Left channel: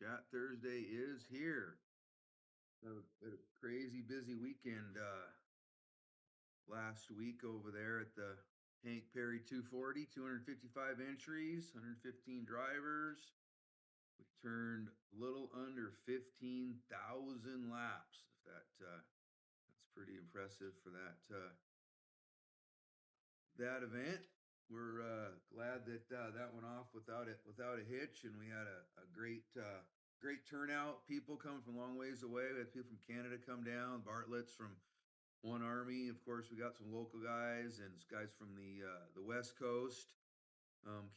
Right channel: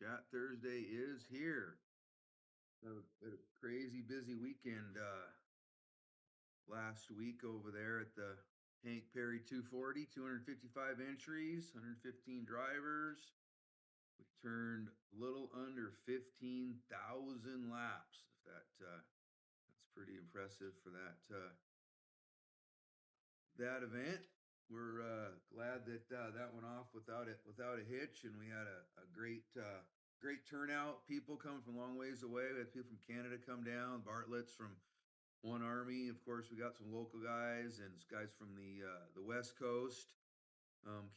Chat Thursday is here. A crazy busy weekend last week over there at the Hank Perry 240, 255 entries, 115 drivers. We turned a little under 15,000 laps. That's pretty impressive for that event. We're glad that that went off without a hitch, and we had a great turnout. People coming from long ways away. We had people from Canada come down. Bartlett's from One Army, of course. We got some local guys and guys from the West Coast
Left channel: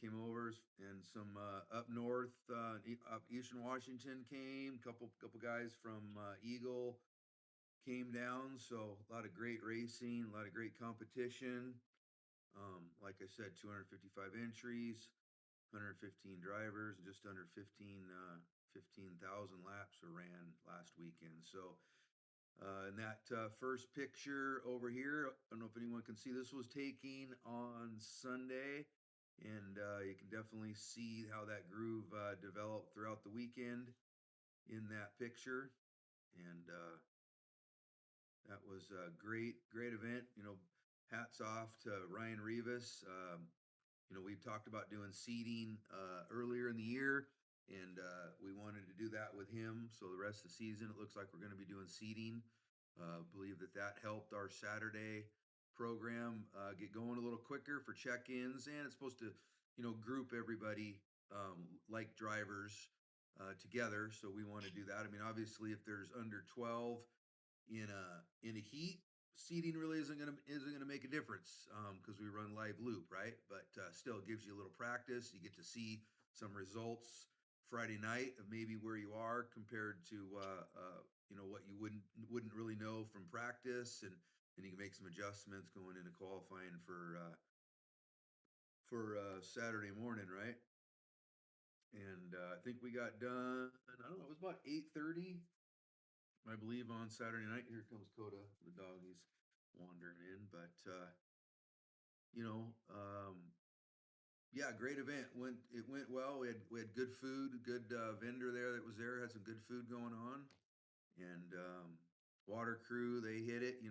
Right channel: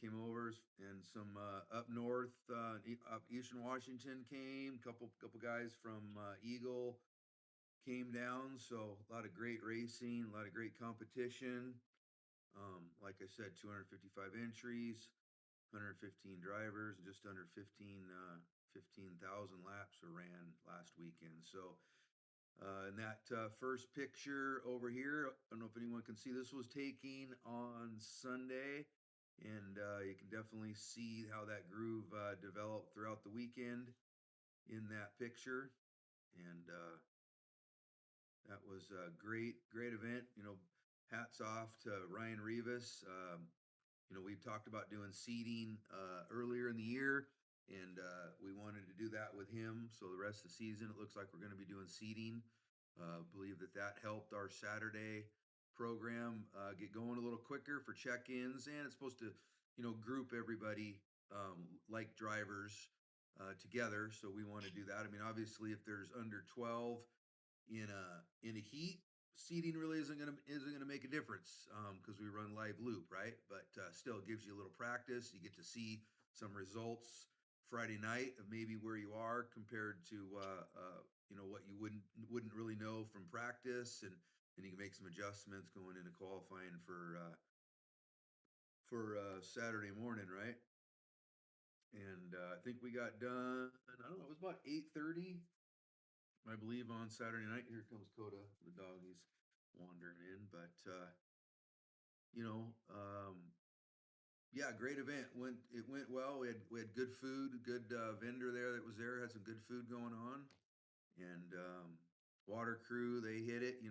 came over, and some up north, up Eastern Washington came. Couple guys from Eagle came down. So a lot of great racing, a lot of great competition. Like I said, 255 entries, 115 drivers, just under 15,000 laps were ran last weekend. So, in that first picture over here, I don't know if anyone can see, this was taken on Sunday, and you can definitely see how that groove developed throughout the weekend in that picture. And that was a great event. Hats off to Ryan Rivas. We talked about doing seeding earlier in the year, and we wanted to do that with him. So the rest of the season, it looks like we're going to be doing seeding. Believe that helped our Saturday program get going a little quicker for check-ins, and it's supposed to, group everybody like drivers together. So we want to do that. I mean, obviously, if there's under 12 in a heat, seating really isn't gonna make a difference because we run live loop, right? But still, it gives you a little practice. You get to see some results Friday night of maybe where you are compared to what you wouldn't really know from practice, and you can make some adjustments going into qualifying for Saturday morning, right? And I think we got done. I don't know. It was about 8:30. I believe on Saturday night. Here comes Coda, the dog. He's wandering in, but yeah, great event. It went well. We had good food, good vendor there that was there, had some good food going on, and water crew, they hit it. They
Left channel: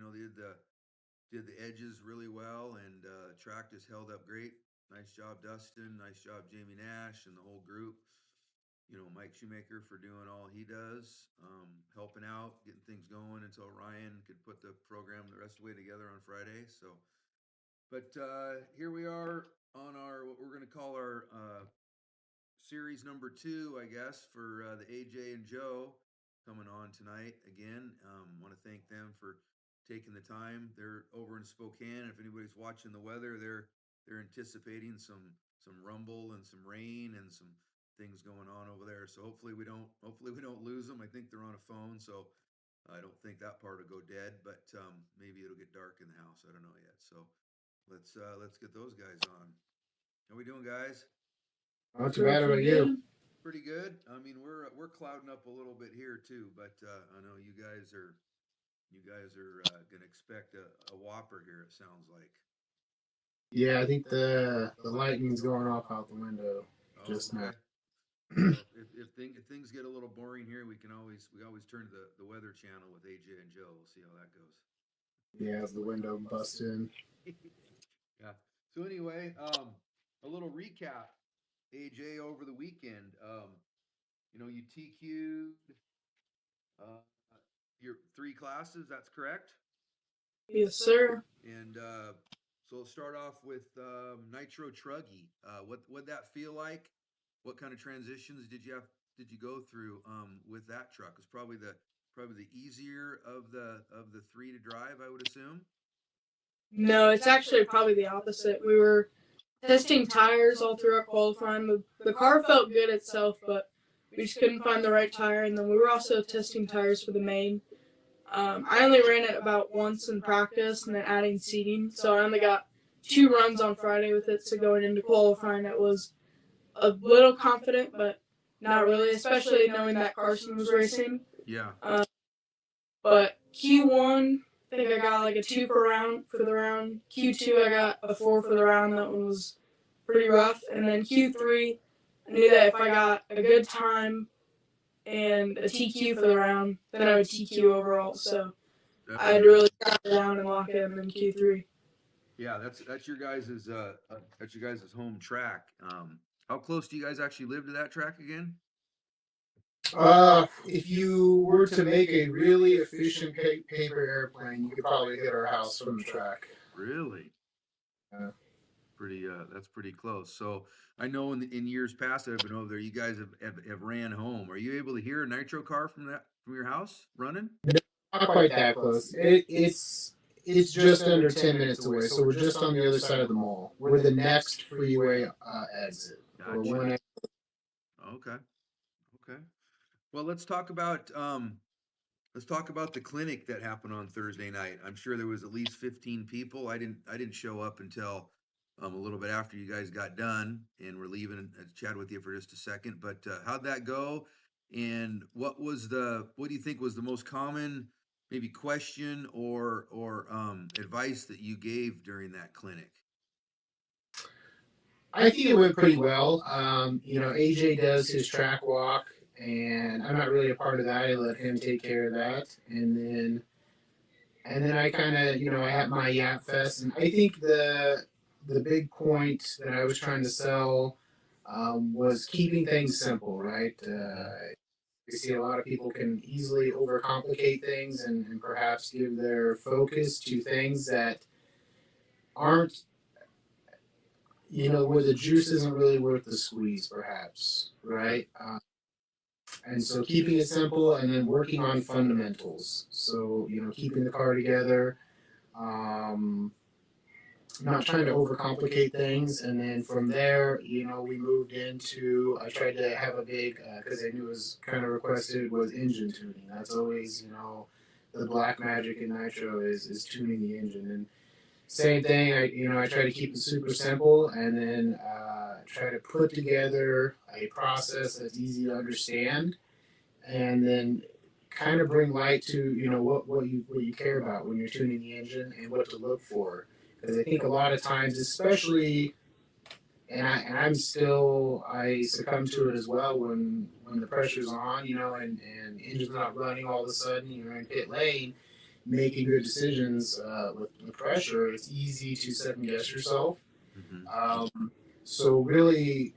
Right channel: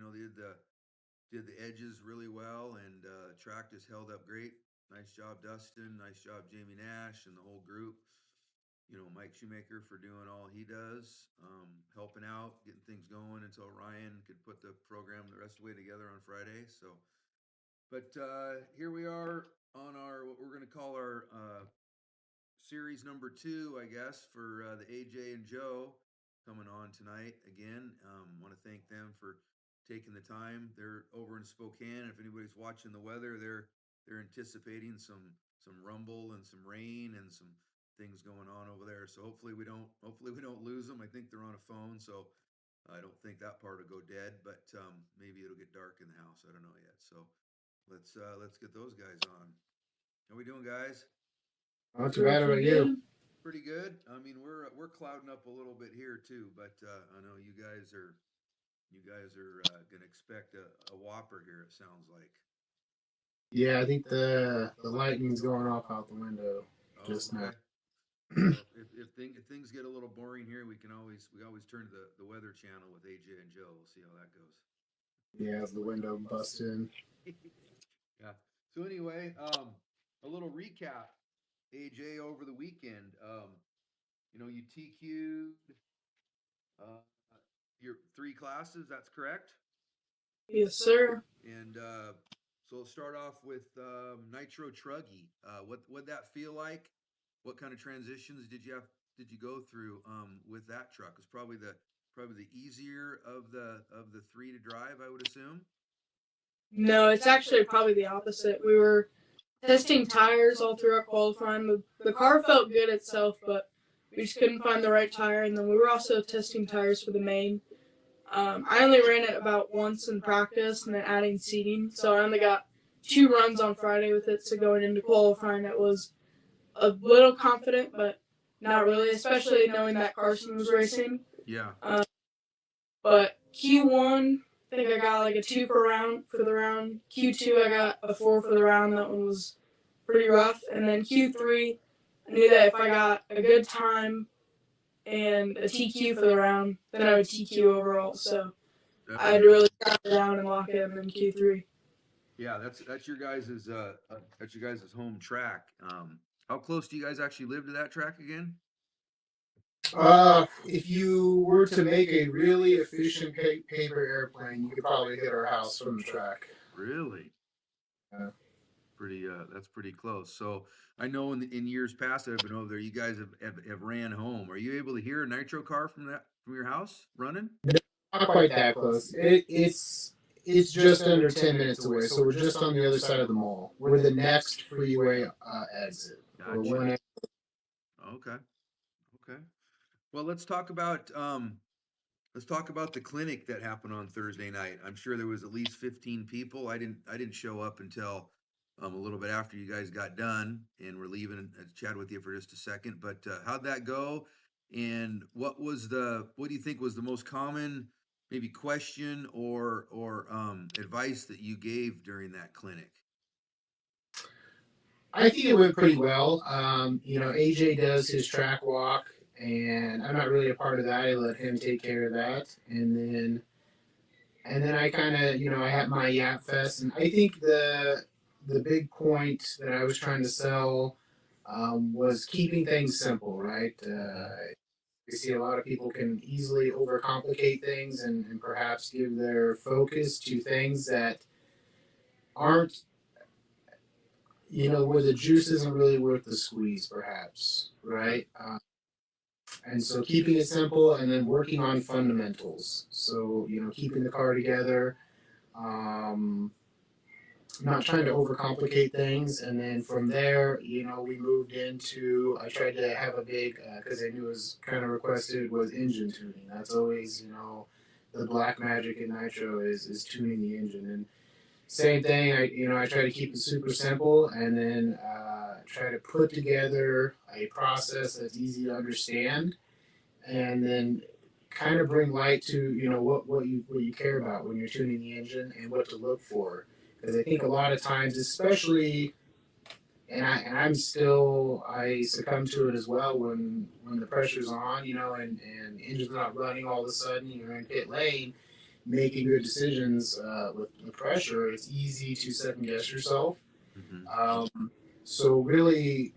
did the edges really well, and track just held up great. Nice job, Dustin. Nice job, Jamie Nash and the whole group. Mike Shoemaker for doing all he does, helping out, getting things going until Ryan could put the program the rest of the way together on Friday. So, but here we are on our, what we're going to call our series number 2, I guess, for the AJ and Joe coming on tonight again. Want to thank them for taking the time. They're over in Spokane. If anybody's watching the weather, they're anticipating some rumble and some rain and some things going on over there. So hopefully we don't lose them. I think they're on a phone, so I don't think that part will go dead, but maybe it'll get dark in the house. I don't know yet. So let's get those guys on. How we doing, guys? Not too bad about you. Pretty good. I mean, we're clouding up a little bit here too, but I know you guys are gonna expect a whopper here. It sounds like. Yeah, I think the lightning's going off out the window just okay. now. Well, if things get a little boring here, we always turn to the Weather Channel with AJ and Joe. We'll see how that goes. Yeah, the window busts in. Yeah. So anyway, a little recap, AJ, over the weekend. You TQ'd your 3 classes. That's correct. Yes, sir. And so let's start off with Nitro Truggy. What'd that feel like? What kind of transitions did you go through with that truck? It's probably the easier of the 3 to drive, I would assume. No, it's actually probably the opposite. We were testing tires all through our qualifying. The car felt good itself, but we just couldn't find the right tire. And then we were also testing tires for the main. I only ran it about once in practice and then adding seating. So I only got 2 runs on Friday with it. So going into qualifying, it was a little confident, but not really, especially knowing that Carson was racing. Yeah. But Q1, I think I got like a 2 for the round. Q2, I got a 4 for the round. That one was pretty rough. And then Q3, I knew that if I got a good time and a TQ for the round. Then I would TQ overall. So I'd Definitely. really strap it down and lock it in Q3. Yeah, that's your guys' home track. How close do you guys actually live to that track again? If you were to make a really efficient paper airplane, you could probably hit our house from the track. Really? Uh, Pretty that's pretty close. So I know in years past that I've been over there, you guys have ran home. Are you able to hear a nitro car from your house running? Not quite that close. It's just under 10 minutes away, so we're just on the other side of the mall. We're the next freeway exit. We're Gotcha. one. Okay. Okay. Well, let's talk about the clinic that happened on Thursday night. I'm sure there was at least 15 people. I didn't show up until a little bit after you guys got done, and we're leaving. Chat with you for just a second. But how'd that go? And what do you think was the most common maybe question or advice that you gave during that clinic? I think it went pretty well. AJ does his track walk, and I'm not really a part of that. I let him take care of that, and then I kind of, I have my Yap Fest, and I think the big point that I was trying to sell was keeping things simple, right? Mm-hmm. I see a lot of people can easily overcomplicate things and perhaps give their focus to things that aren't, where the juice isn't really worth the squeeze, perhaps, right? And so keeping it simple and then working on fundamentals. So, keeping the car together, um, not trying to overcomplicate things. And then from there, we moved into, I tried to have a big, because I knew it was kind of requested, was engine tuning. That's always, the black magic in Nitro is tuning the engine. And same thing, I try to keep it super simple and then try to put together a process that's easy to understand and then kind of bring light to what you care about when you're tuning the engine and what to look for. Because I think a lot of times, especially, I succumb to it as well when the pressure's on, and engine's not running all of a sudden, you're in pit lane, making good decisions with the pressure. It's easy to second guess yourself. Mm-hmm. So really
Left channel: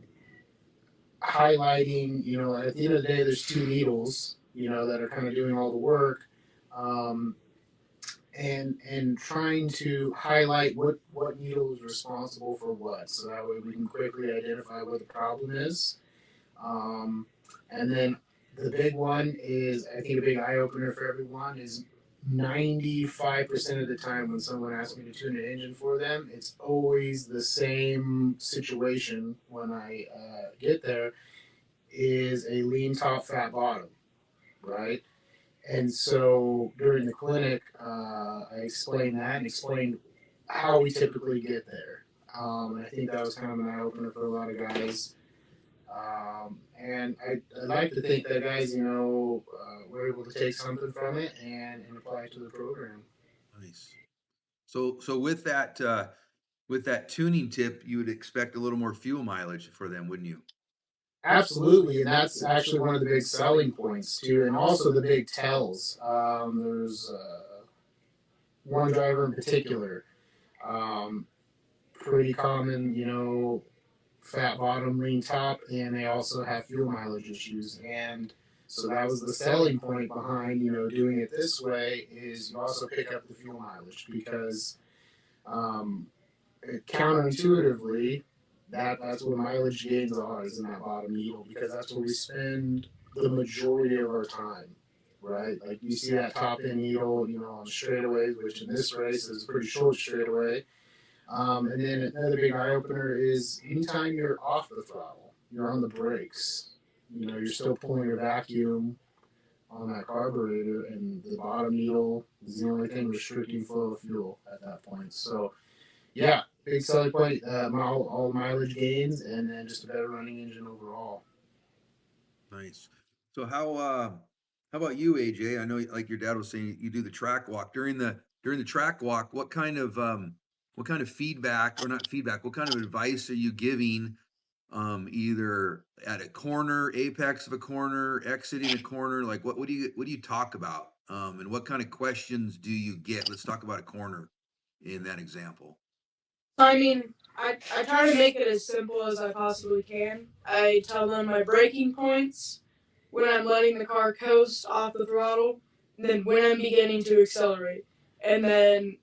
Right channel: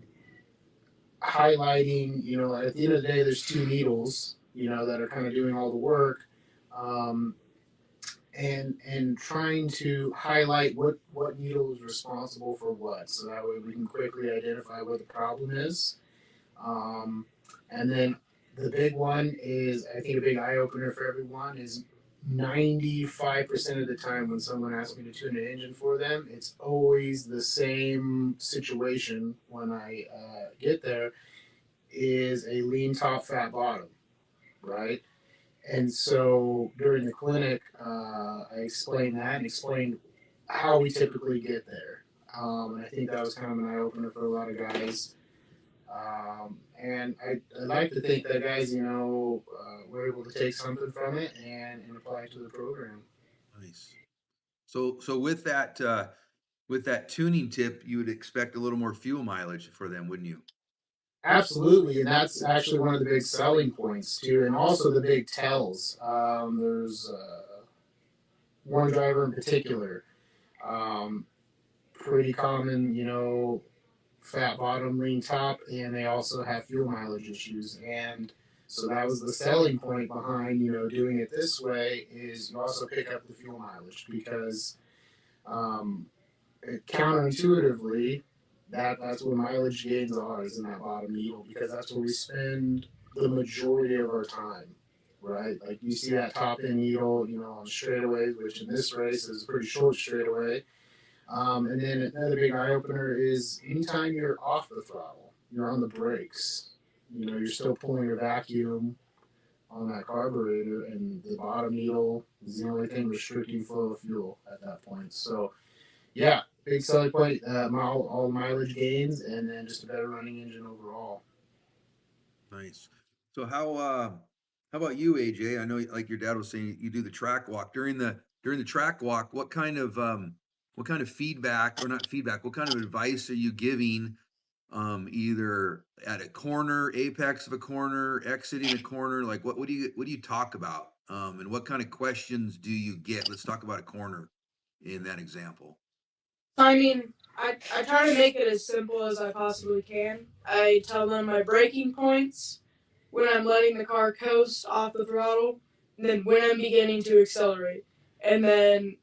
highlighting, at the end of the day, there's two needles, that are kind of doing all the work, um, and trying to highlight what needle is responsible for what, so that way we can quickly identify what the problem is. Um, and then the big one is, I think a big eye opener for everyone is 95% of the time when someone asks me to tune an engine for them, it's always the same situation when I get there is a lean top, fat bottom, right? And so during the clinic, I explained that and explained how we typically get there. I think that was kind of an eye opener for a lot of guys. And I like to think that guys, were able to take something from it and apply it to the program. Nice. So with that tuning tip, you would expect a little more fuel mileage for them, wouldn't you? Absolutely, and that's actually one of the big selling points too, and also the big tells. There's one driver in particular, um, pretty common, fat bottom, lean top, and they also have fuel mileage issues. And so that was the selling point behind, doing it this way is you also pick up the fuel mileage because um, counterintuitively, that's where mileage gains are is in that bottom needle because that's where we spend the majority of our time. Right, like you see that top end needle, on straightaways, which in this race is a pretty short straightaway. And then another big eye opener is anytime you're off the throttle, you're on the brakes. You're still pulling your vacuum on that carburetor, and the bottom needle is the only thing restricting flow of fuel at that point. So, yeah, big selling point, all mileage gains, and then just a better running engine overall. Nice. So how about you, AJ? I know like your dad was saying you do the track walk. During the track walk, what kind of feedback or not feedback, what kind of advice are you giving either at a corner, apex of a corner, exiting a corner? Like what do you talk about? And what kind of questions do you get? Let's talk about a corner in that example. I mean, I try to make it as simple as I possibly can. I tell them my braking points, when I'm letting the car coast off the throttle, and then when I'm beginning to accelerate. And then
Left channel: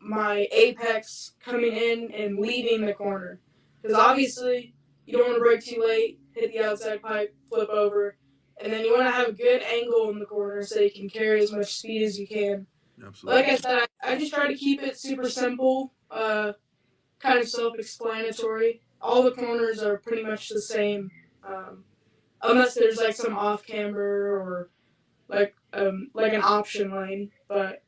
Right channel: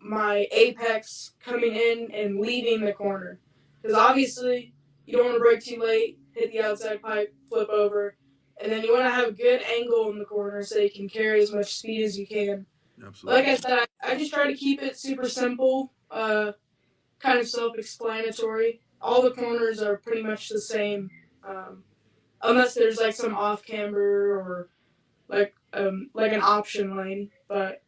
my apex coming in and leaving the corner. Because obviously, you don't want to brake too late, hit the outside pipe, flip over, and then you want to have a good angle in the corner so you can carry as much speed as you can. Absolutely. Like I said, I just try to keep it super simple, kind of self-explanatory. All the corners are pretty much the same, unless there's like some off camber or like an option lane. But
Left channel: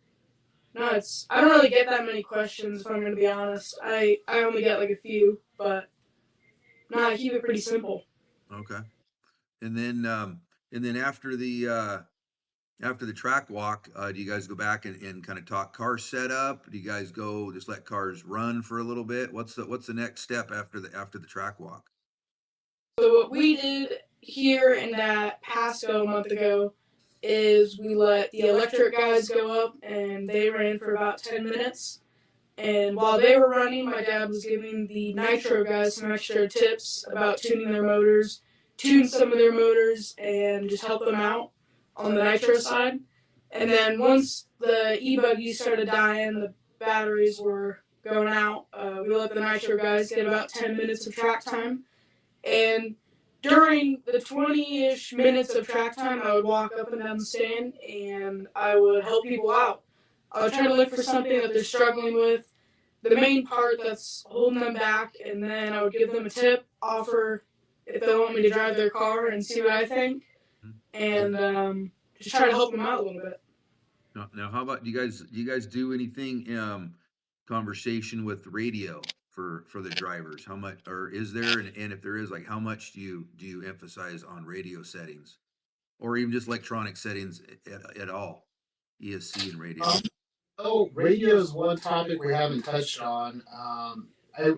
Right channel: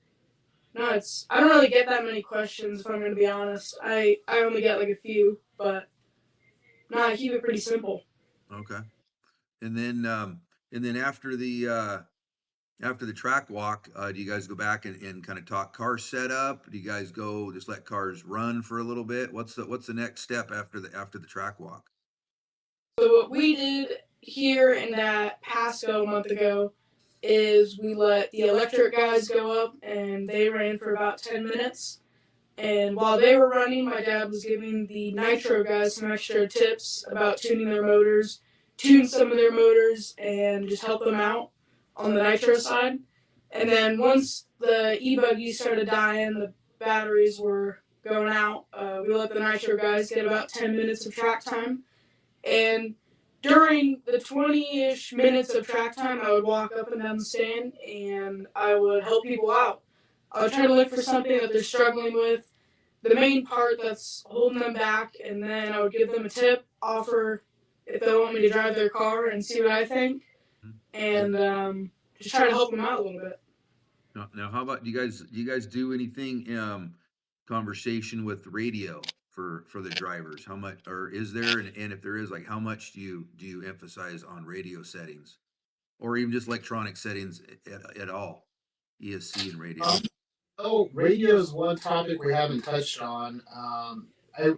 no, I don't really get that many questions if I'm gonna be honest. I only get like a few, but no, I keep it pretty simple. Okay. And then after the track walk, do you guys go back and kind of talk car setup? Do you guys go just let cars run for a little bit? What's the next step after the track walk? So what we did here in that Pasco a month ago is we let the electric guys go up and they ran for about 10 minutes. And while they were running, my dad was giving the nitro guys some extra tips about tuning their motors, tune some of their motors, and just help them out on the nitro side. And then once the e-buggies started dying, the batteries were going out, we let the nitro guys get about 10 minutes of track time. And during the 20-ish minutes of track time, I would walk up and down the stand and I would help people out. I would try to look for something that they're struggling with, the main part that's holding them back, and then I would give them a tip, offer if they want me to drive their car and see what I think, and just try to help them out a little bit. Now, how about do you guys do anything conversation with radio for the drivers? How much, or is there, and if there is, like how much do you emphasize on radio settings, or even just electronic settings at all, ESC and radio? Radio is one topic we haven't touched on. I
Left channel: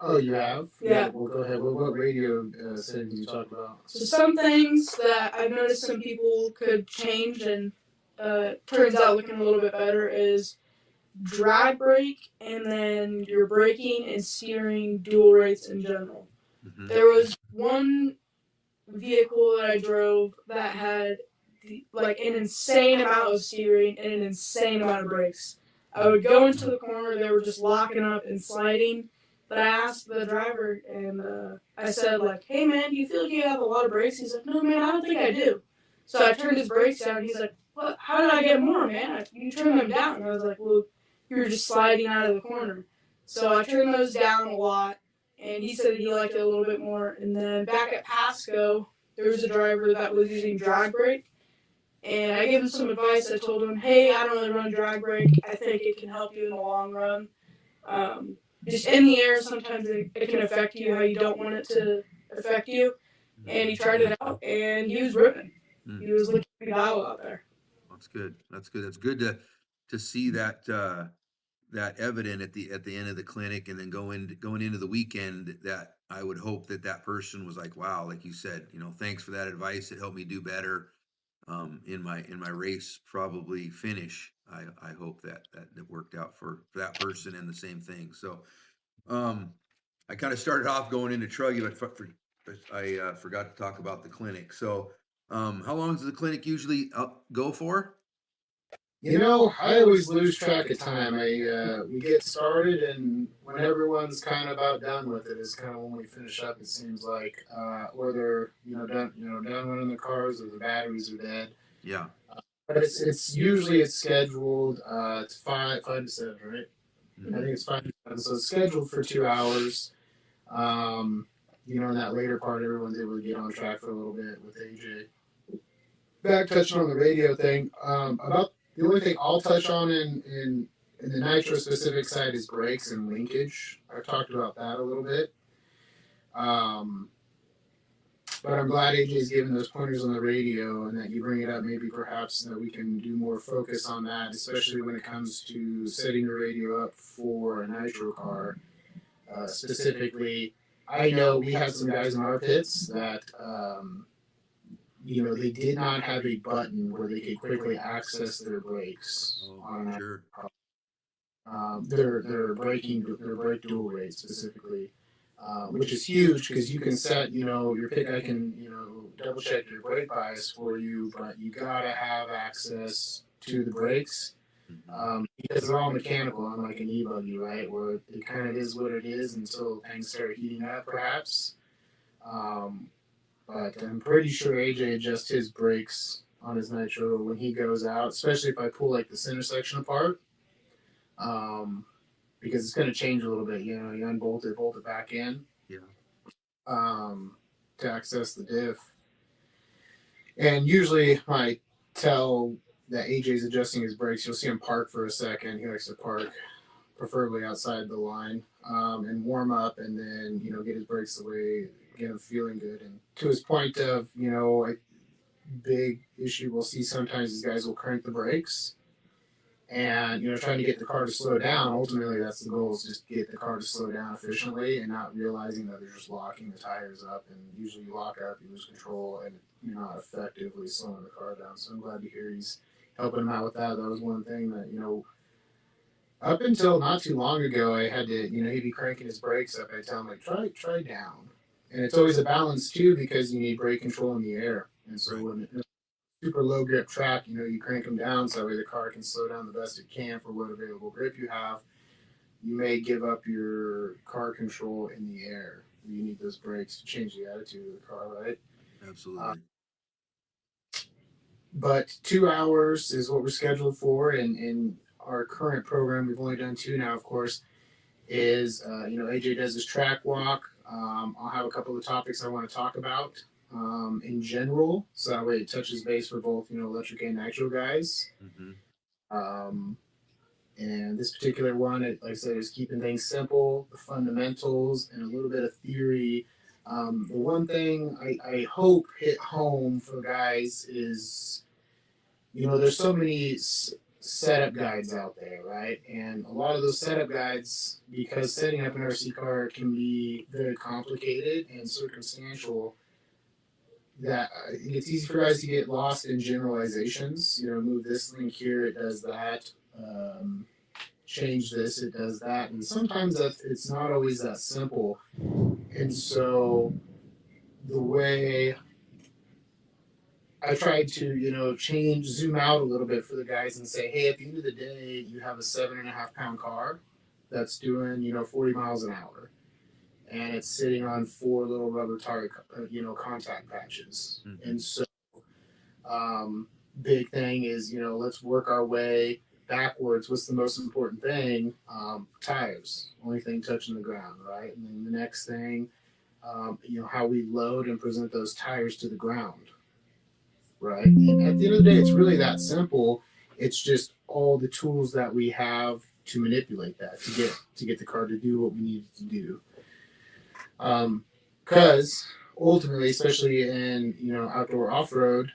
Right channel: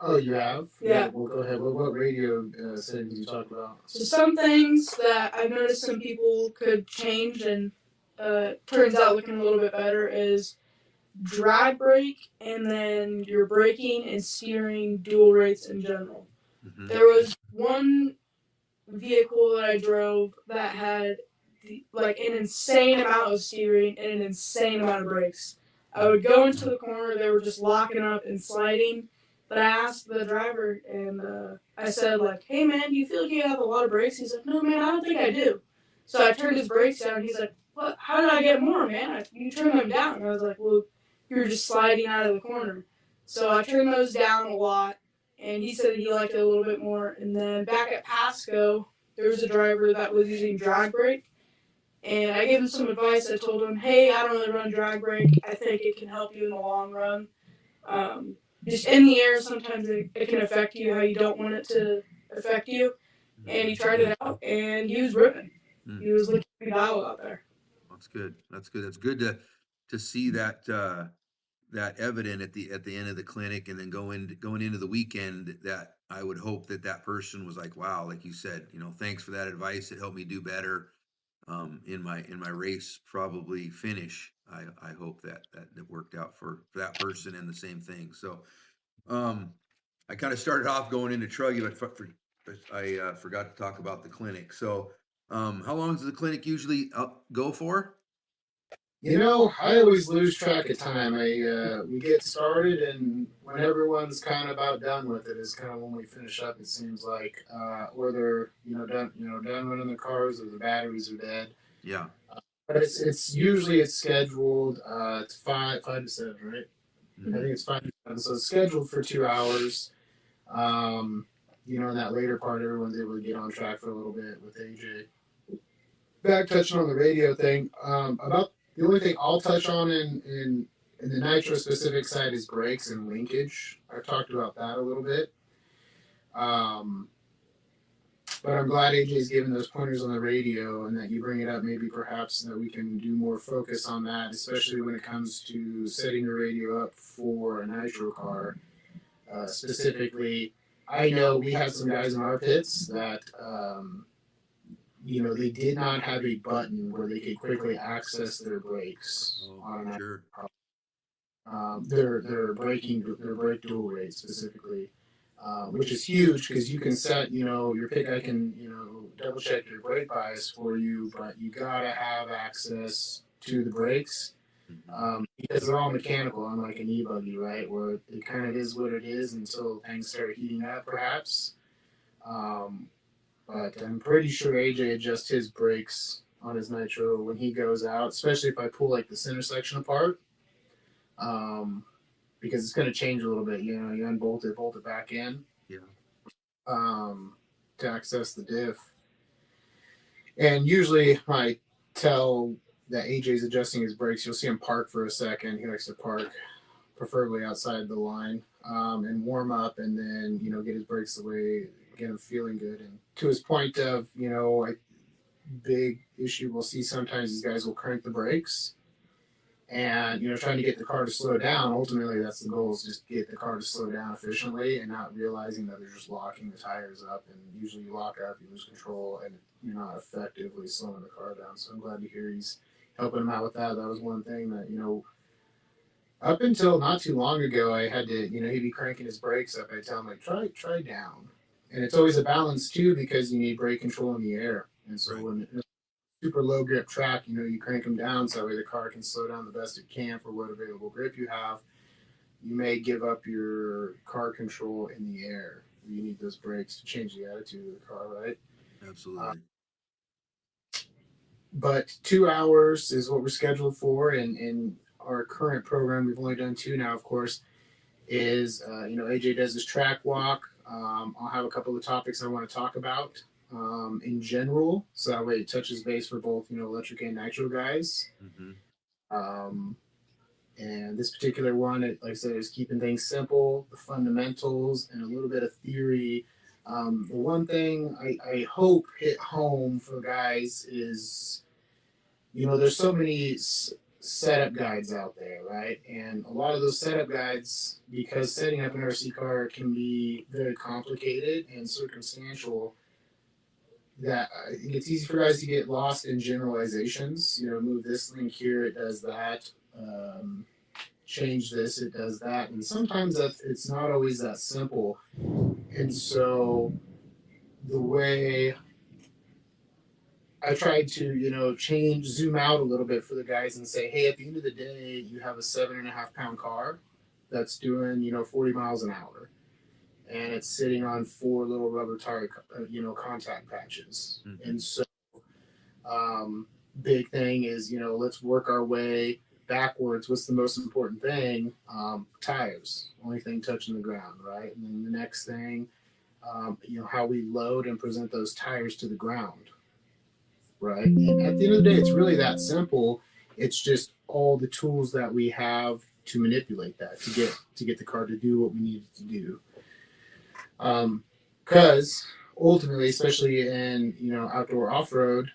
Oh, you have? Yeah. Well, go ahead. What radio settings you talk about? So some things that I've noticed some people could change and turns out looking a little bit better is drag brake and then your braking and steering dual rates in general. Mm-hmm. There was one vehicle that I drove that had like an insane amount of steering and an insane amount of brakes. I would go into the corner, they were just locking up and sliding. But I asked the driver and I said like, "Hey man, do you feel like you have a lot of brakes?" He's like, "No man, I don't think I do." So I turned his brakes down and he's like, "What? How did I get more, man? You turned them down." And I was like, "Well, you were just sliding out of the corner." So I turned those down a lot and he said he liked it a little bit more. And then back at Pasco, there was a driver that was using drag brake, and I gave him some advice. I told him, "Hey, I don't really run drag brake. I think it can help you in the long run. Um, just in the air, sometimes it can affect you how you don't want it to affect you." And he tried it out, and he was ripping. He was looking pretty dialed out there. That's good. That's good. That's good to see that evident at the end of the clinic, and then going into the weekend. That I would hope that person was like, wow, like you said, thanks for that advice. It helped me do better in my race probably finish. I hope that worked out for that person, and the same thing. So I kind of started off going into truggy, but I forgot to talk about the clinic. So how long does the clinic usually go for? I always lose track of time. We get started, and when everyone's kind of about done with it, is kind of when we finish up. It seems like, or they're done running the cars, or the batteries are dead. Yeah. But it's usually it's scheduled. It's five to seven, right? Mm-hmm. I think it's 5 to 7. So it's scheduled for 2 hours. In that later part, everyone's able to get on track for a little bit with AJ. Back touching on the radio thing, about the only thing I'll touch on in the nitro specific side is brakes and linkage. I've talked about that a little bit. But I'm glad AJ's given those pointers on the radio and that you bring it up, maybe perhaps that we can do more focus on that, especially when it comes to setting the radio up for a nitro car. Specifically, I know we have some guys in our pits that, they did not have a button where they could quickly access their brakes on that. Sure. Their brake dual rate specifically, which is huge because you can set, your pit guy can, double check your brake bias for you, but you gotta have access to the brakes. Because they're all mechanical, unlike an e-buggy, right? Where it kind of is what it is until things start heating up, perhaps. But I'm pretty sure AJ adjusts his brakes on his nitro when he goes out, especially if I pull like the center section apart, because it's going to change a little bit. You unbolt it, bolt it back in, to access the diff. And usually, I tell that AJ's adjusting his brakes. You'll see him park for a second. He likes to park, preferably outside the line, and warm up, and then get his brakes away, get him feeling good. And to his point of a big issue we'll see sometimes, these guys will crank the brakes, and trying to get the car to slow down. Ultimately, that's the goal: is just get the car to slow down efficiently, and not realizing that they're just locking the tires up. And usually, you lock up, you lose control, and you're not effectively slowing the car down. So I'm glad to hear he's helping him out with that. That was one thing that up until not too long ago, I had to, he'd be cranking his brakes up. I tell him, like, try down. And it's always a balance, too, because you need brake control in the air. And so when it's super low grip track, you crank them down so that way the car can slow down the best it can for what available grip you have. You may give up your car control in the air. You need those brakes to change the attitude of the car, right? Absolutely. But 2 hours is what we're scheduled for, and our current program, we've only done 2 now, of course, is, AJ does his track walk. I'll have a couple of topics I want to talk about in general, so that way it touches base for both, electric and nitro guys. And this particular one, like I said, is keeping things simple, the fundamentals, and a little bit of theory. The one thing I hope hit home for guys is, there's so many setup guides out there, right? And a lot of those setup guides, because setting up an RC car can be very complicated and circumstantial, that it's easy for guys to get lost in generalizations. Move this link here, it does that. Change this, it does that. And sometimes it's not always that simple. And so the way I tried to, zoom out a little bit for the guys and say, hey, at the end of the day, you have a 7.5-pound car that's doing, 40 miles an hour. And it's sitting on 4 little rubber tire, contact patches. And so, big thing is, let's work our way backwards. What's the most important thing? Tires. Only thing touching the ground, right? And then the next thing, how we load and present those tires to the ground. Right? And at the end of the day, it's really that simple. It's just all the tools that we have to manipulate that, to get the car to do what we need it to do. Because ultimately, especially in outdoor off-road,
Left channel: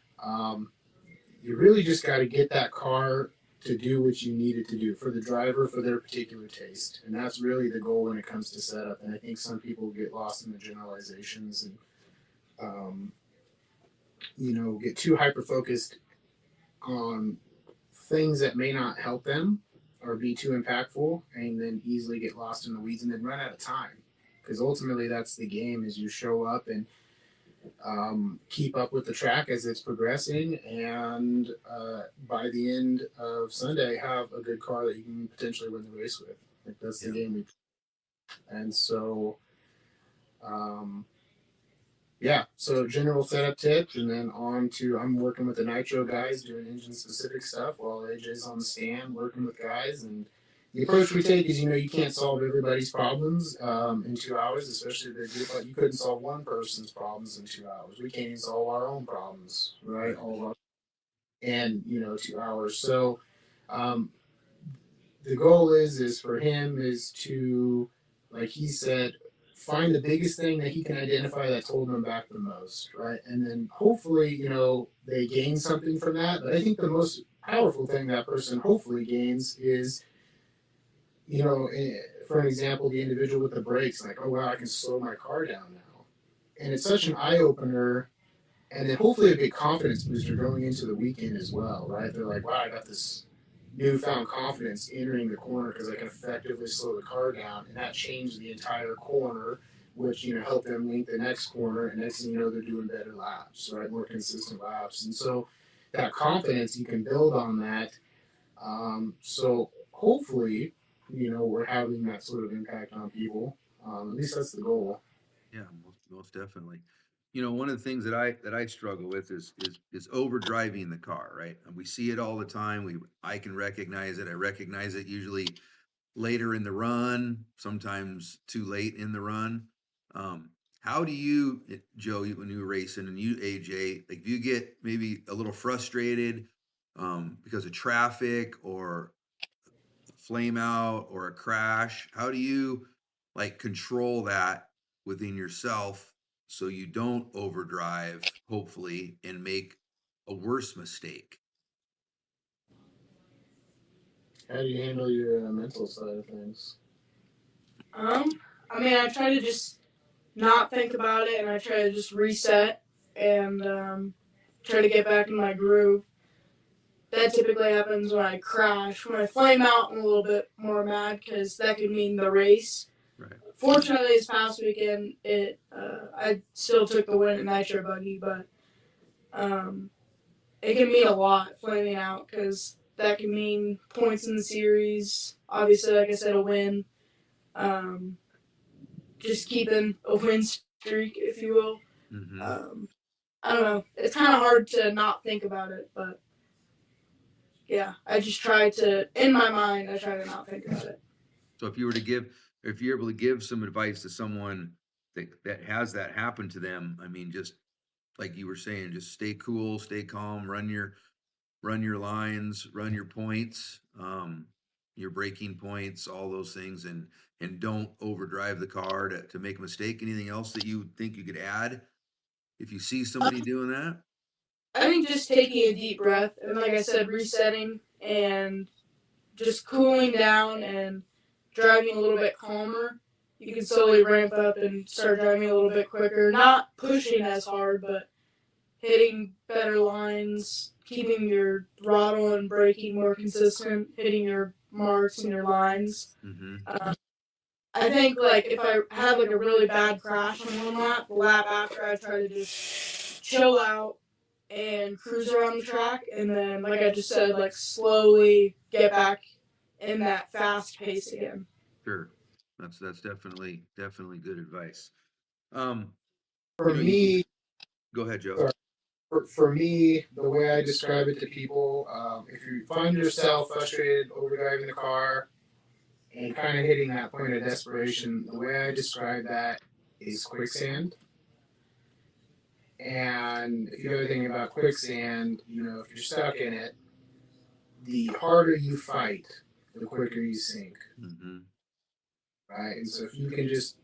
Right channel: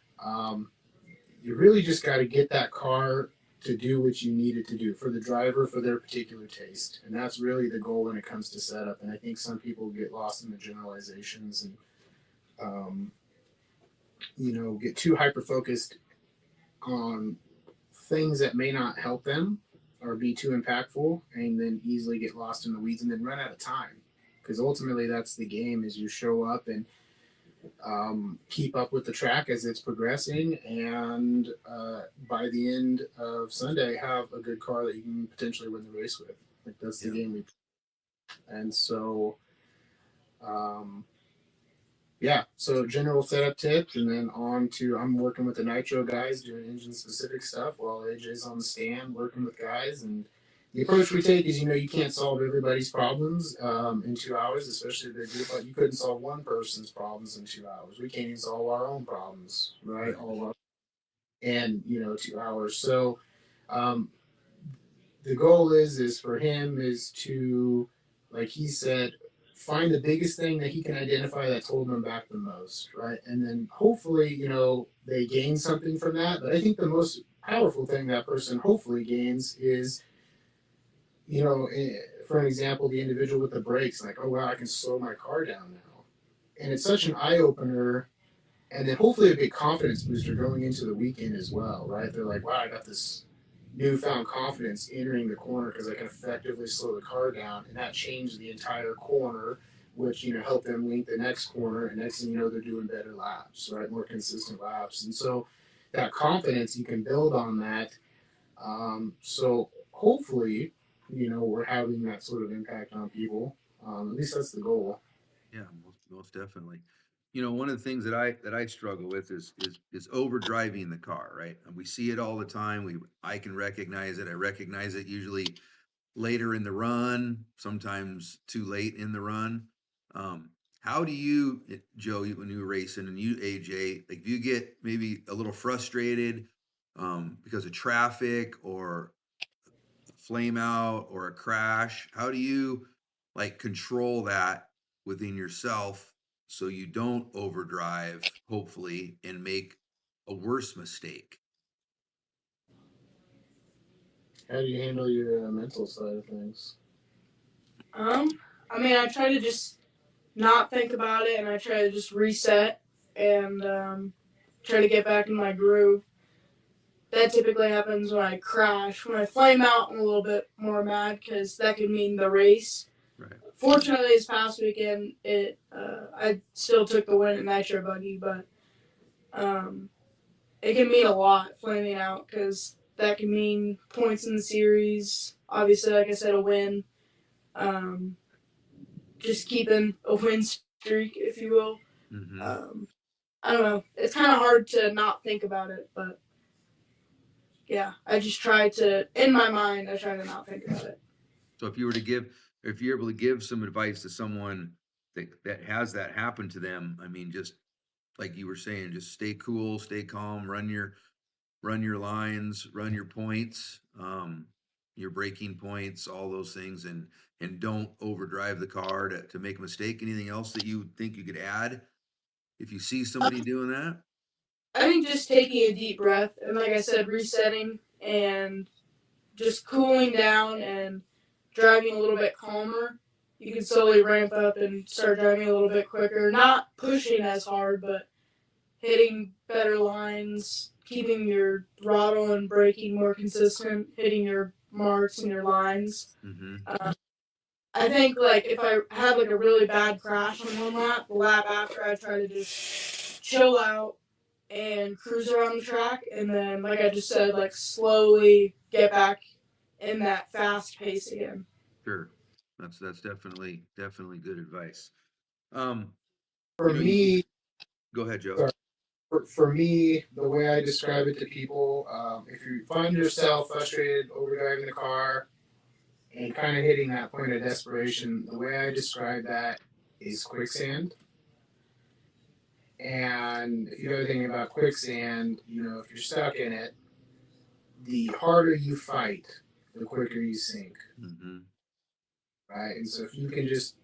you really just got to get that car to do what you need it to do for the driver, for their particular taste. And that's really the goal when it comes to setup. And I think some people get lost in the generalizations and get too hyper-focused on things that may not help them or be too impactful, and then easily get lost in the weeds and then run out of time. Because ultimately that's the game, is you show up and keep up with the track as it's progressing, and by the end of Sunday have a good car that you can potentially win the race with. Like, that's the game. And so so general setup tips, and then on to, I'm working with the nitro guys doing engine specific stuff while AJ's on the stand working with guys. And the approach we take is, you can't solve everybody's problems in 2 hours, especially the group. Like, you couldn't solve one person's problems in 2 hours. We can't even solve our own problems, right? In 2 hours. So the goal is for him is to, like he said, find the biggest thing that he can identify that's holding them back the most, right? And then hopefully, they gain something from that. But I think the most powerful thing that person hopefully gains is, for an example, the individual with the brakes, like, oh wow, I can slow my car down now, and it's such an eye opener, and then hopefully a big confidence booster going into the weekend as well, right? They're like, wow, I got this newfound confidence entering the corner because I can effectively slow the car down, and that changed the entire corner, which helped them link the next corner, and next thing you know, they're doing better laps, right? More consistent laps, and so that confidence you can build on that. So hopefully, we're having that sort of impact on people. At least that's the goal. Yeah, most definitely. One of the things that I struggle with is over driving the car, right? And we see it all the time. I can recognize it. I recognize it usually later in the run, sometimes too late in the run. How do you, Joe, when you were racing, and you, AJ, like, do you get maybe a little frustrated because of traffic or a flame out or a crash? How do you like control that within yourself so you don't overdrive, hopefully, and make a worse mistake? How do you handle your mental side of things? I mean, I try to just not think about it, and I try to just reset and try to get back in my groove. That typically happens when I crash. When I flame out, I'm a little bit more mad because that could mean the race. Right. Fortunately, this past weekend, I still took the win in nitro buggy, but it can mean a lot flaming out because that can mean points in the series. Obviously, like I said, a win. Um, just keeping a win streak, if you will. Mm-hmm. I don't know. It's kind of hard to not think about it, but yeah, I just try to, in my mind, I try to not think about it. So if you're able to give some advice to someone that has that happen to them, I mean, just like you were saying, just stay cool, stay calm, run your lines, run your points, your braking points, all those things, and don't overdrive the car to make a mistake. Anything else that you think you could add if you see somebody doing that? I think just taking a deep breath and, like I said, resetting and just cooling down and driving a little bit calmer, you can slowly ramp up and start driving a little bit quicker. Not pushing as hard, but hitting better lines, keeping your throttle and braking more consistent, hitting your marks and your lines. Mm-hmm. I think, like, if I have like a really bad crash on one lap, the lap after, I try to just chill out and cruise around the track, and then, like I just said, like, slowly get back in that fast pace again. Sure. That's definitely good advice. Um, For you me, go ahead, Joe. sorry, for me, the way I describe it to people, if you find yourself frustrated over driving the car and kind of hitting that point of desperation, the way I describe that is quicksand. And if you know anything about quicksand, if you're stuck in it, the harder you fight, the quicker you sink, Mm-hmm. right? And so if you can just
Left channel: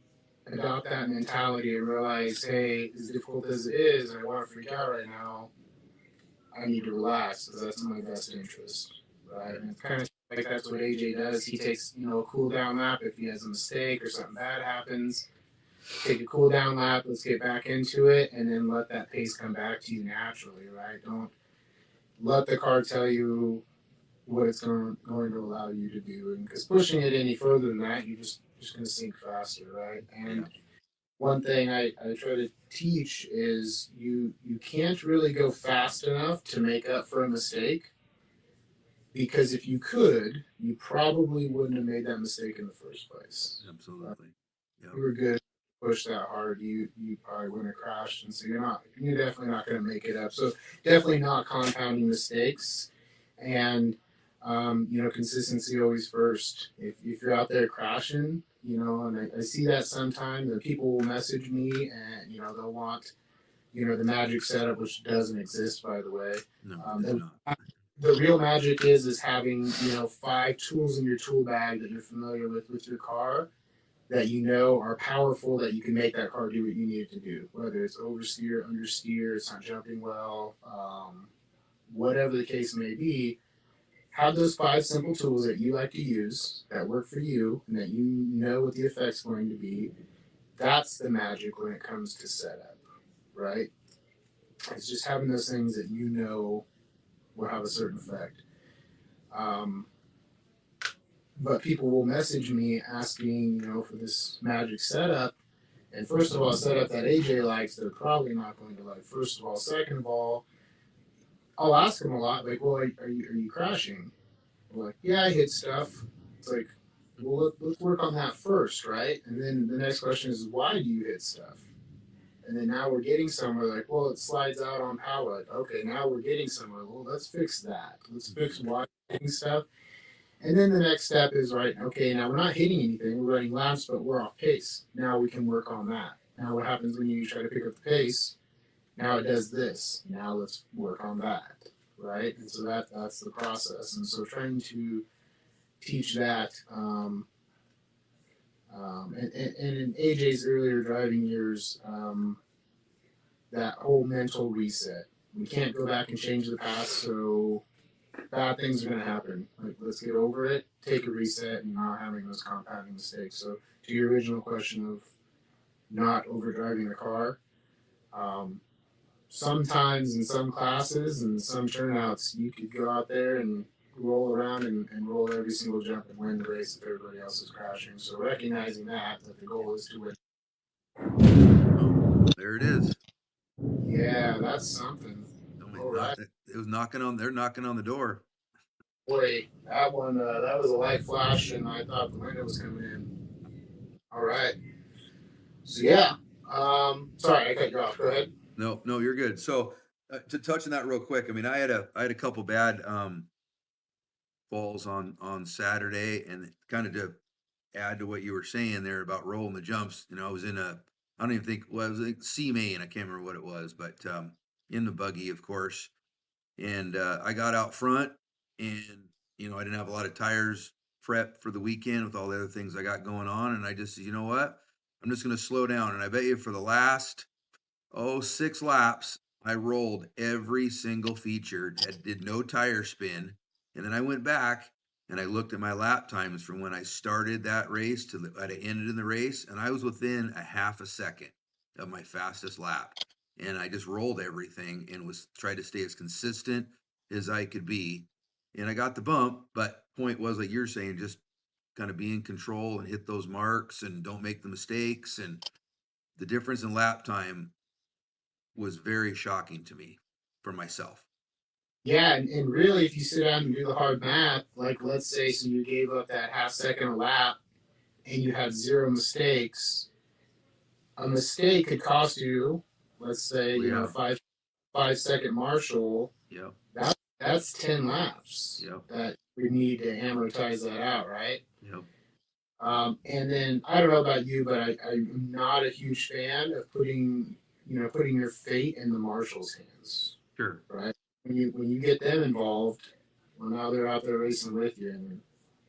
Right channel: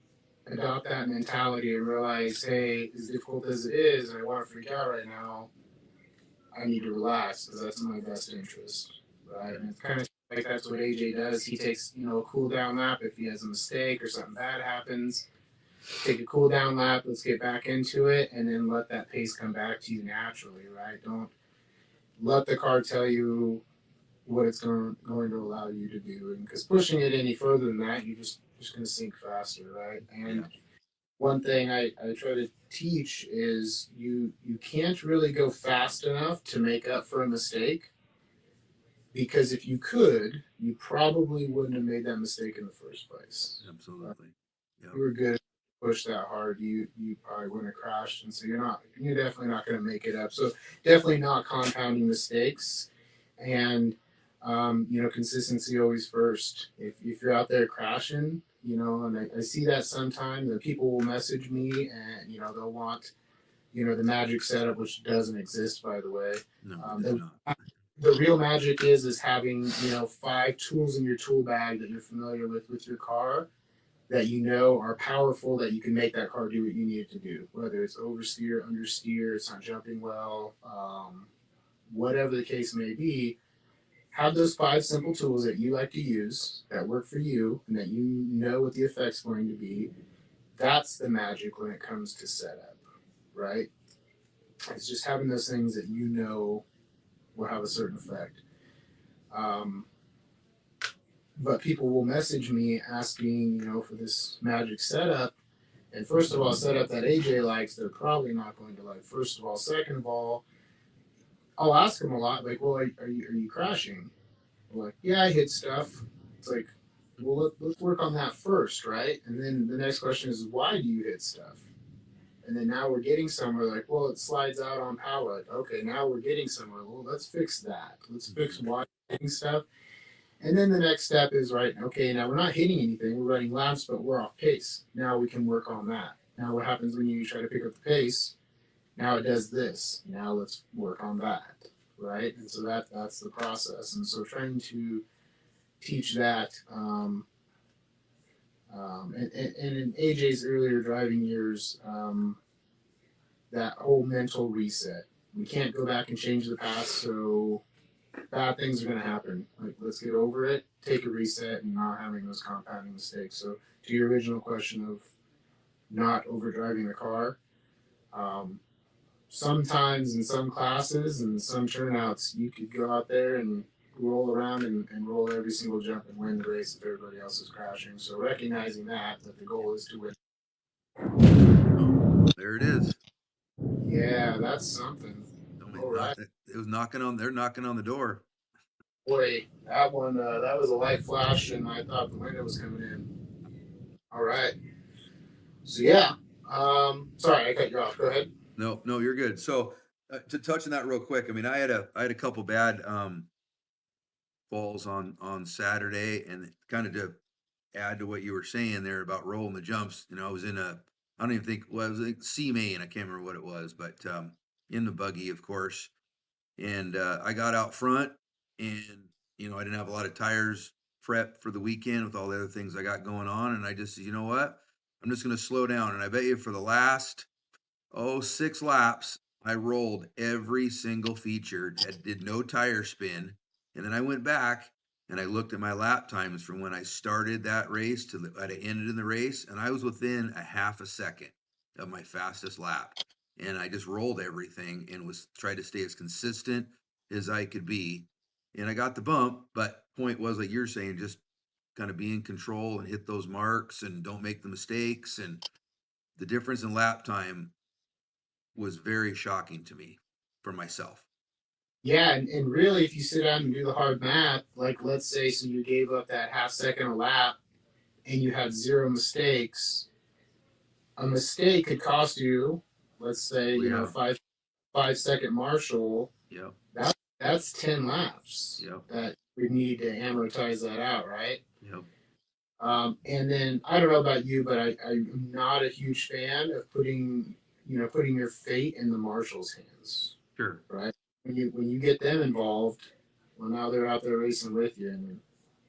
adopt that mentality and realize, hey, as difficult as it is, I want to freak out right now, I need to relax because that's in my best interest, right? And it's kind of like that's what AJ does. He takes, a cool down lap if he has a mistake or something bad happens. Take a cool down lap, let's get back into it, and then let that pace come back to you naturally, right? Don't let the car tell you what it's going to allow you to do. And because pushing it any further than that, you're just going to sink faster, right? And one thing I try to teach is you can't really go fast enough to make up for a mistake, because if you could, you probably wouldn't have made that mistake in the first place. Absolutely. If you were good, push that hard, you probably wouldn't have crashed, and so you're definitely not going to make it up. So definitely not compounding mistakes, and consistency always first. If you're out there crashing, and I see that sometimes, that people will message me and they'll want the magic setup, which doesn't exist, by the way. No, it does not. The real magic is having 5 tools in your tool bag that you're familiar with your car, that are powerful, that you can make that car do what you need it to do, whether it's oversteer, understeer, it's not jumping well, whatever the case may be. have those 5 simple tools that you like to use that work for you and that you know what the effect's going to be. That's the magic when it comes to setup, right? It's just having those things that you know will have a certain effect. Um, but people will message me asking, for this magic setup. And first of all, a setup that AJ likes, they're probably not going to like. First of all, second of all, I'll ask them a lot, like, well, are you crashing? I'm like, yeah, I hit stuff. It's like, well, let's work on that first, right? And then the next question is, why do you hit stuff? And then now we're getting somewhere, like, well, it slides out on power. Like, okay, now we're getting somewhere. Well, let's fix that. Let's fix why you're hitting stuff. And then the next step is, right, okay, now we're not hitting anything. We're running laps, but we're off pace. Now we can work on that. Now what happens when you try to pick up the pace? Now it does this. Now let's work on that, right? And so that's the process. And so trying to teach that, and in AJ's earlier driving years, that whole mental reset. We can't go back and change the past, so bad things are going to happen. Like, let's get over it, take a reset, and not having those compounding mistakes. So, to your original question of not overdriving the car, sometimes in some classes and some turnouts, you could go out there and roll around and roll every single jump and win the race if everybody else is crashing. So, recognizing that the goal is to win. Oh, there it is. Yeah, that's something. I mean, All right. it was knocking on. They're knocking on the door. Boy, that one, that was a light flash, and I thought the window was coming in. All right. So, yeah. Sorry, I cut you off. Go ahead. No, you're good. So to touch on that real quick, I mean, I had a couple bad falls on Saturday, and kind of to add to what you were saying there about rolling the jumps. I was in I don't even think well, it was like C main. I can't remember what it was, but in the buggy, of course. And I got out front, and I didn't have a lot of tires prepped for the weekend with all the other things I got going on, and I just said, you know what, I'm just going to slow down. And I bet you for the last 6 laps, I rolled every single feature, did no tire spin. And then I went back and I looked at my lap times from when I started that race to when I ended in the race, and I was within a half a second of my fastest lap. And I just rolled everything and was tried to stay as consistent as I could be. And I got the bump, but point was, like you're saying, just kind of be in control and hit those marks and don't make the mistakes. And the difference in lap time was very shocking to me for myself. Yeah, and really, if you sit down and do the hard math, like let's say, so you gave up that half second a lap and you have 0 mistakes, a mistake could cost you, let's say, Yeah. 5 second marshal. Yep. That's 10 laps. Yep. That we need to amortize that out, right? Yep. And then I don't know about you, but I'm not a huge fan of putting your fate in the marshal's hands. Sure. Right? When you get them involved, well, now they're out there racing with you, and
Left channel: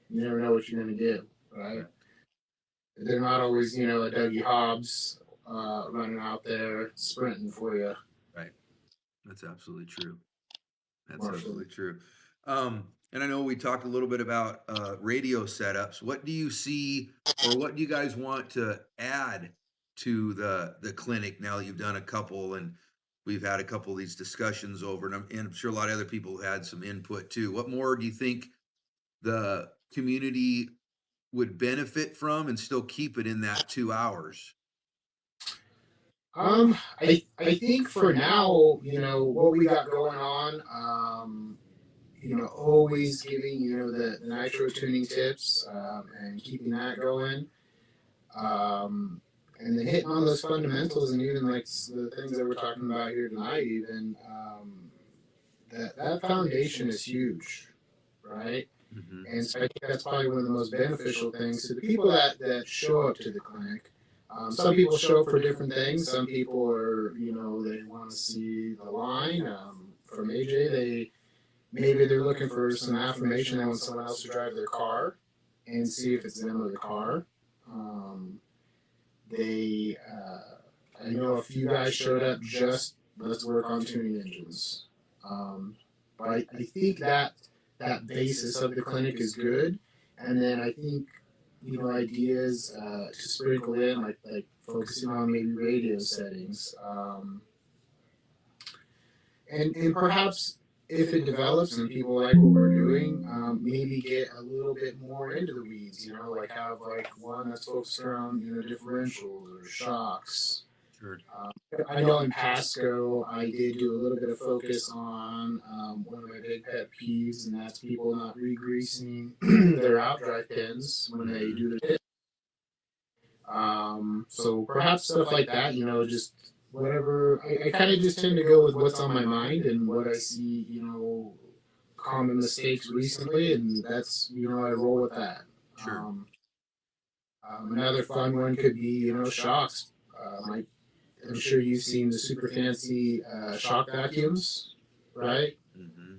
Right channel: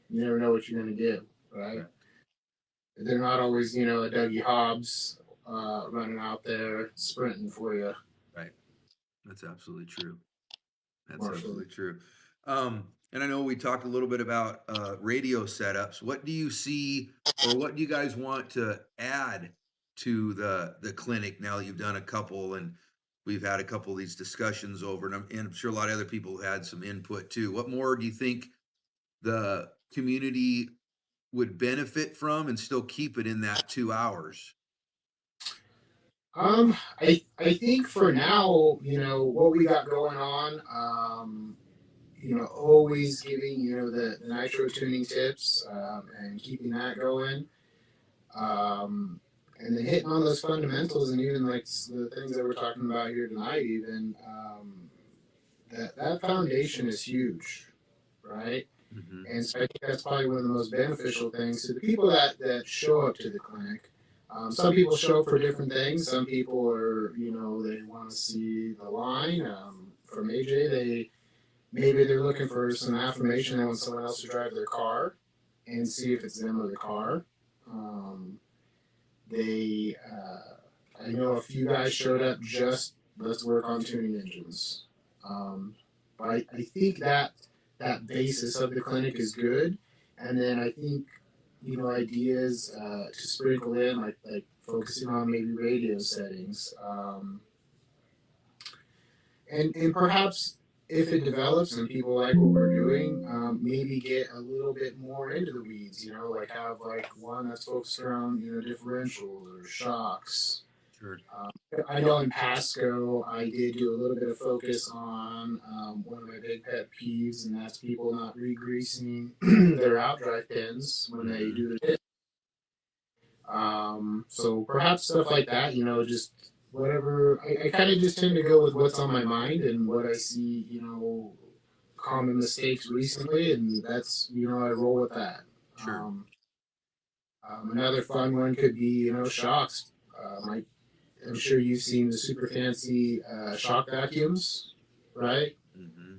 you never know what you're going to get, right? They're not always, a Dougie Hobbs running out there sprinting for you. Right. That's absolutely true. That's Marshall. absolutely true. And I know we talked a little bit about radio setups. What do you see, or what do you guys want to add to the clinic now that you've done a couple, and we've had a couple of these discussions over, and I'm sure a lot of other people had some input too. What more do you think the community would benefit from and still keep it in that 2 hours? I think for now, what we got going on, always giving, the nitro tuning tips, and keeping that going. And then hitting on those fundamentals, and even like the things that we're talking about here tonight, even that foundation is huge, right? Mm-hmm. And so I think that's probably one of the most beneficial things to the people that show up to the clinic. Some people show up for different things. Some people are, they want to see the line. From AJ, maybe they're looking for some affirmation. They want someone else to drive their car and see if it's them or the car. I know a few guys showed up just let's work on tuning engines. But I think that that basis of the clinic is good, and then I think ideas to sprinkle in like focusing on maybe radio settings, and perhaps if it develops and people like what we're doing, maybe get a little bit more into the weeds. Like have like one that's focused around differentials or shocks. Sure. I know in Pasco, I did do a little bit of focus on one of my big pet peeves, and that's people not re-greasing their outdrive pins when they do it. So perhaps stuff like that, just whatever. I kind of just tend to go with what's on my mind and what I see, common mistakes recently, and that's, I roll with that. Sure. Another fun one could be, shocks. I'm sure you've seen the super fancy shock vacuums, right? Mm-hmm.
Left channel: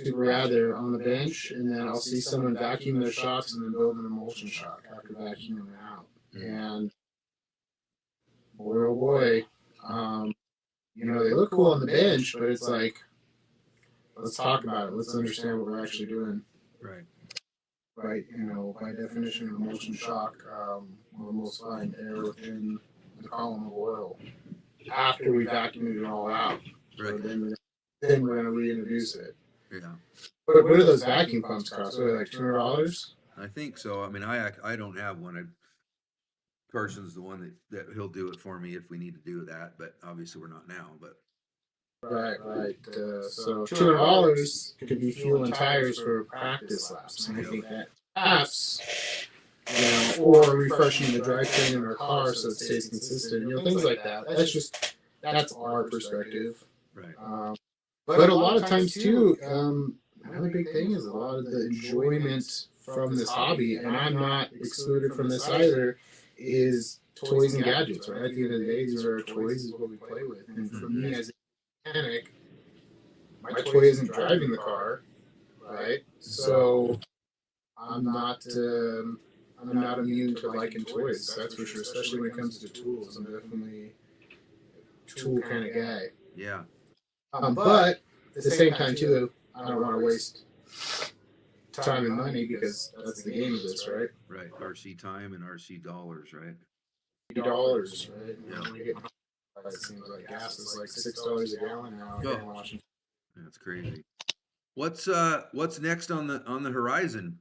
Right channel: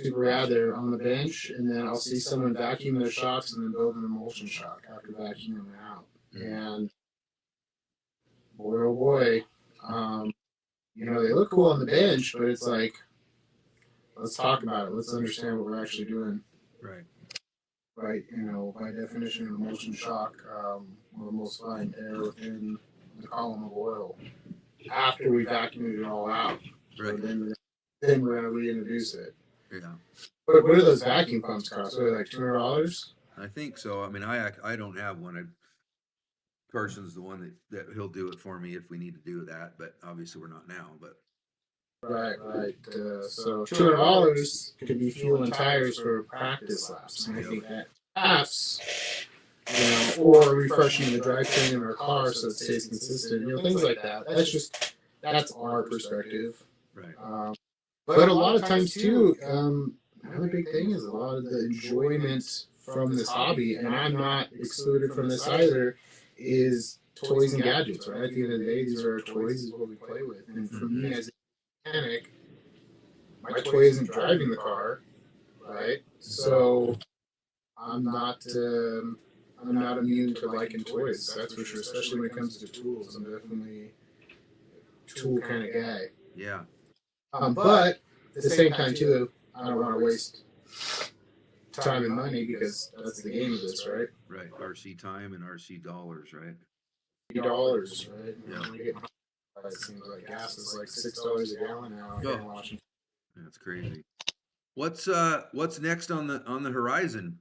Super rad. They're on the bench, and then I'll see someone vacuum their shocks and then build an emulsion shock after vacuuming them out. And boy, oh boy, they look cool on the bench, but it's like, let's talk about it. Let's understand what we're actually doing. Right. Right. By definition, emulsion shock, we're most finding air within the column of oil after we vacuumed it all out. Right. So then we're gonna reintroduce it. Yeah. What do those vacuum pumps cost? What are they, like $200? I think so. I mean, I don't have one. Carson's the one that he'll do it for me if we need to do that, but obviously we're not now. But right. So $200 could be fuel and tires for practice laps. And I think that perhaps, or refreshing the drivetrain in our car so it stays consistent. Things like that. That's our perspective. Right. But a lot of times too, another big thing is a lot of the enjoyment from this hobby, and I'm not excluded from this either, is toys and gadgets, right? At the end of the day, these are our toys, is what we play with. And for me as a mechanic, my toy isn't driving the car, right? So I'm not immune to liking toys, that's for sure, especially when it comes to tools. I'm definitely a tool kind of guy. Yeah. But at the same time, too, I don't want to waste time and money because that's the game of this, right? Right. RC time and RC dollars, right? $dollars, right? Yeah. It seems like gas is like $6 a gallon now. Oh. That's crazy. What's next on the horizon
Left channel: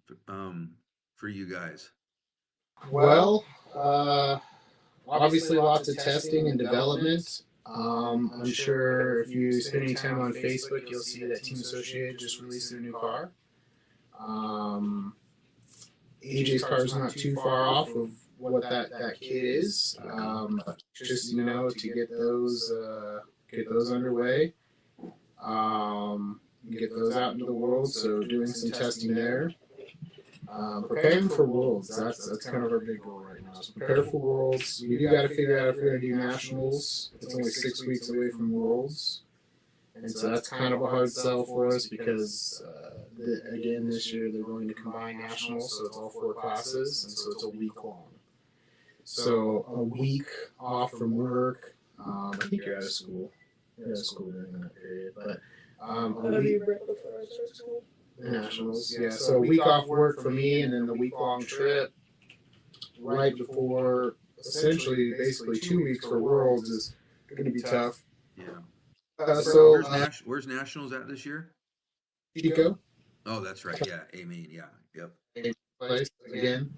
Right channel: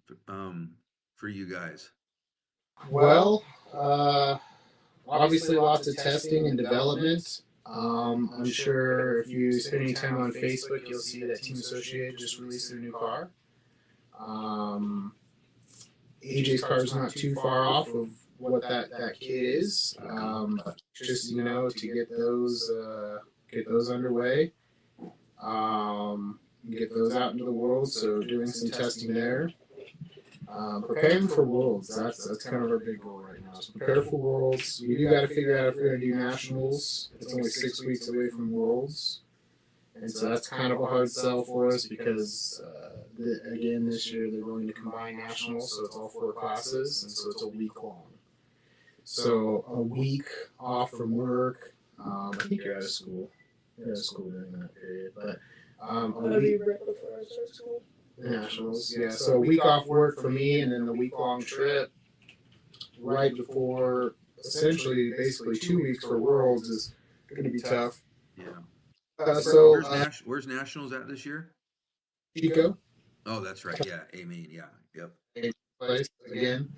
for you guys? Well, obviously lots of testing and development. I'm sure if you spend any time on Facebook, you'll see that Team Associated just released a new car. AJ's car is not too far off of what that kit is. Just to get those underway, get those out into the world. So doing some testing there. Preparing for Worlds. That's kind of our big goal right now. So prepare for Worlds. We do got to figure out if we're going to do Nationals. It's only 6 weeks away from Worlds. And so that's kind of a hard sell for us because, again, this year they're going to combine Nationals, so it's all 4 classes, and so it's a week long. So a week off from work. I think you're out of school. You're out of school during that period. But a week. Nationals, yeah. So a week off work for me, and then a week-long trip right before, essentially, basically 2 weeks for Worlds is going to be tough. Yeah. Where's Nationals at this year? Chico. Oh, that's right. Yeah, Amen. Yeah. Yep. Place again.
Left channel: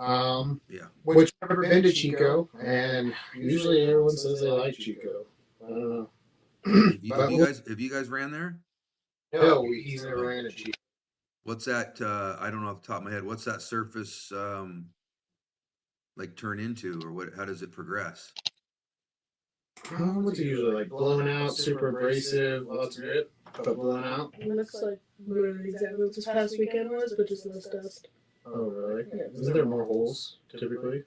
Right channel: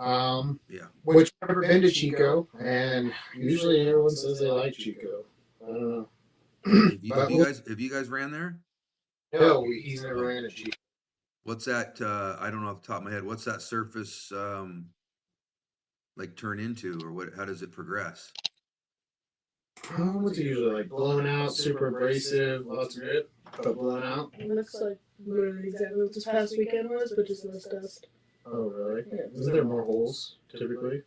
Yeah. Which I've never been to Chico, and usually everyone says they like Chico. I don't know. Have you guys ran there? No, he's never ran a Chico. What's that? I don't know off the top of my head. What's that surface like turn into, or what? How does it progress? It's usually like blown out, super abrasive, lots of grip, but blown out. It looks like literally exactly what this past weekend was, but just less dust. Oh, really? Yeah. Is there more holes typically?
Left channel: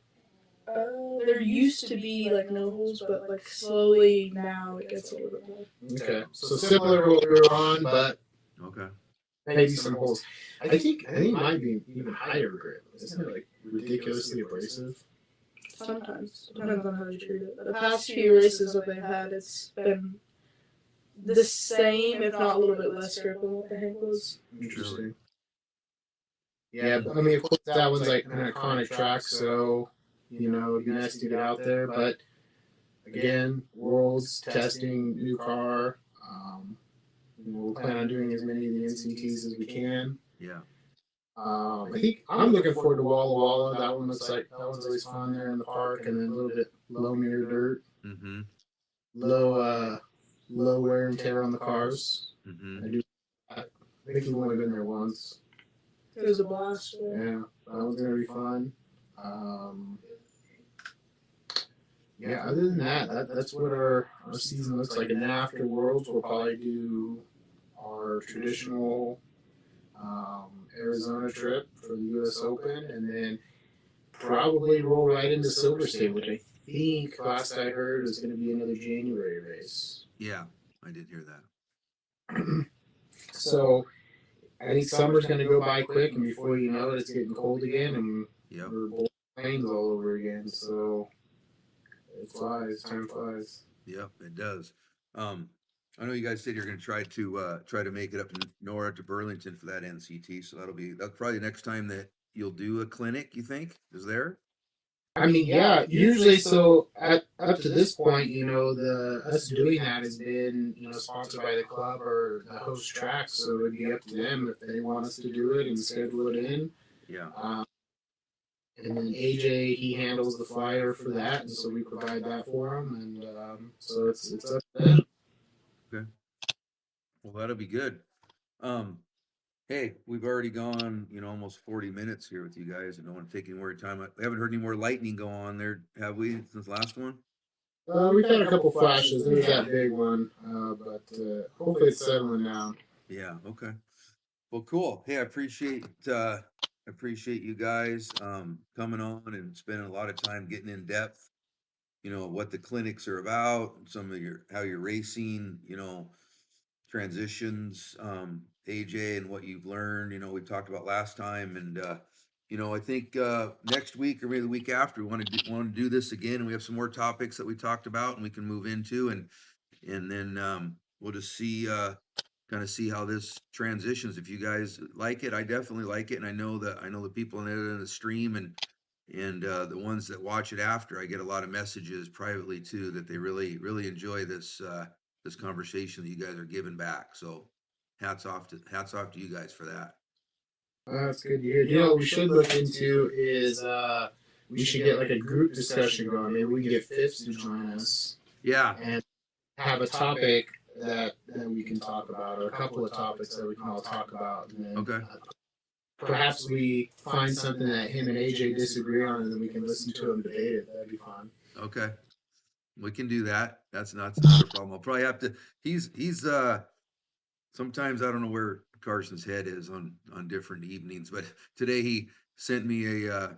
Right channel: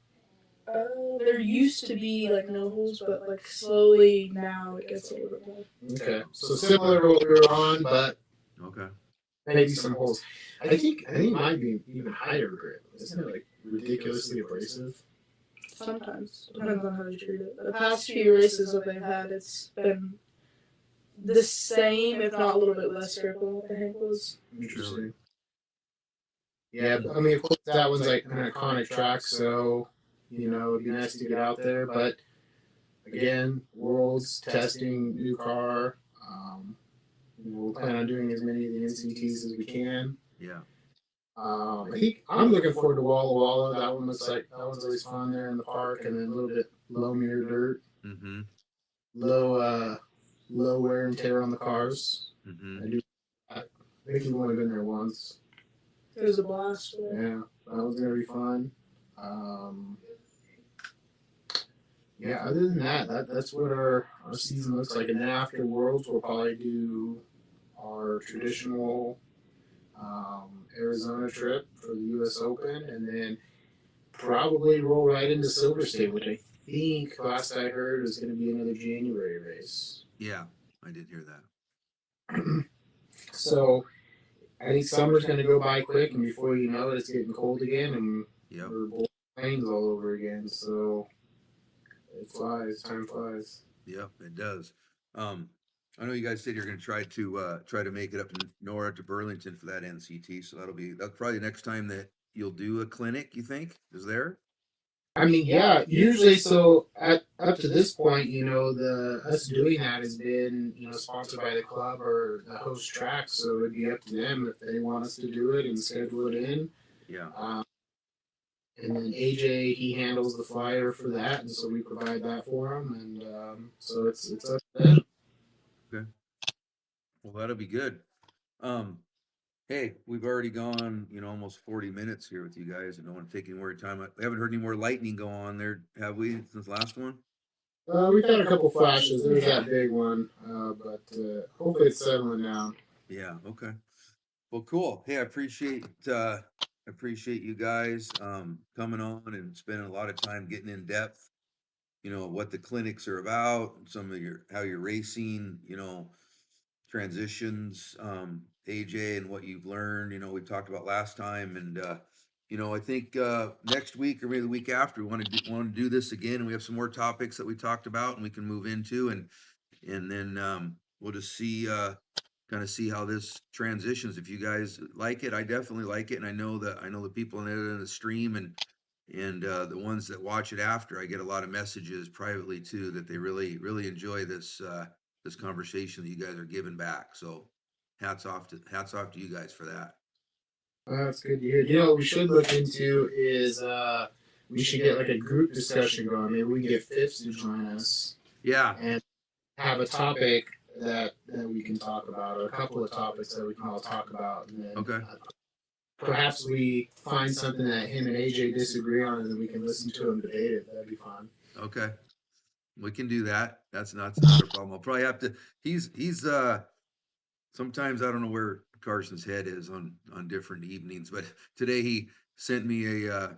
There used to be like no holes, but like slowly now it gets a little bit more. Okay, so similar to what we were on, but okay, maybe some holes. I think it might be even higher grip. Isn't it like ridiculously abrasive? Sometimes, depending on how you treat it. The past few races that they've had, it's been the same, if not a little bit less grip than what the Hank was. Interesting. Yeah, I mean, of course, that was like an iconic track, so, it'd be nice to get out there. But again, Worlds, testing, new car. We'll plan on doing as many of the NCTs as we can. Yeah. I think I'm looking forward to Walla Walla. That one was always fun there in the park, and a little bit low mirror dirt, Mm-hmm. low wear and tear on the cars. Mm-hmm. I think we've only been there once. It was a blast. Yeah, that was gonna be fun. Yeah, other than that's what our season looks like. And then after Worlds, we'll probably do our traditional Arizona trip for the U.S. Open, and then probably roll right into Silver State, which I think last I heard is going to be another January race. Yeah, I did hear that. So I think summer's going to go by quick, and before you know it, it's getting cold again, and we're both planes all over again. So it flies, time flies. Yep, it does. I know you guys said you're going to try to make it up to Nora to Burlington for that NCT, so that's probably the next time that you'll do a clinic. You think is there? I mean, yeah, usually. So up to this point, the us doing that has been, sponsored by the club or the host track. So it'd be up to them if they want us to do it and schedule it in. Yeah. And then AJ, he handles the flyer for that, and so we provide that for him. And so it's up to them. Okay. Well, that'll be good. Hey, we've already gone, almost 40 minutes here with you guys. I don't want to take any more time. We haven't heard any more lightning go on there, have we, since the last one? We've had a couple flashes. There's that big one, but hopefully it's settling down. Yeah. Okay. Well, cool. Hey, I appreciate you guys coming on and spending a lot of time getting in depth. What the clinics are about, some of how you're racing. Transitions, AJ, and what you've learned. We talked about last time, and I think next week or maybe the week after, we want to do this again, and we have some more topics that we talked about, and we can move into, and then we'll just see kind of see how this transitions. If you guys like it, I definitely like it, and I know the people in the stream and the ones that watch it after, I get a lot of messages privately too that they really enjoy this conversation that you guys are giving back. So hats off to you guys for that. That's good to hear. What we should look into is we should get like a group discussion going. Maybe we get Fitz to join us. Yeah. And have a topic that we can talk about, or a couple of topics that we can all talk about. And then, okay. Perhaps we find something that him and AJ disagree on, and then we can listen to him debate it. That'd be fun. Okay. We can do that. That's not a problem. I'll probably have to. He's sometimes I don't know where Carson's head is on different evenings, but today he sent me a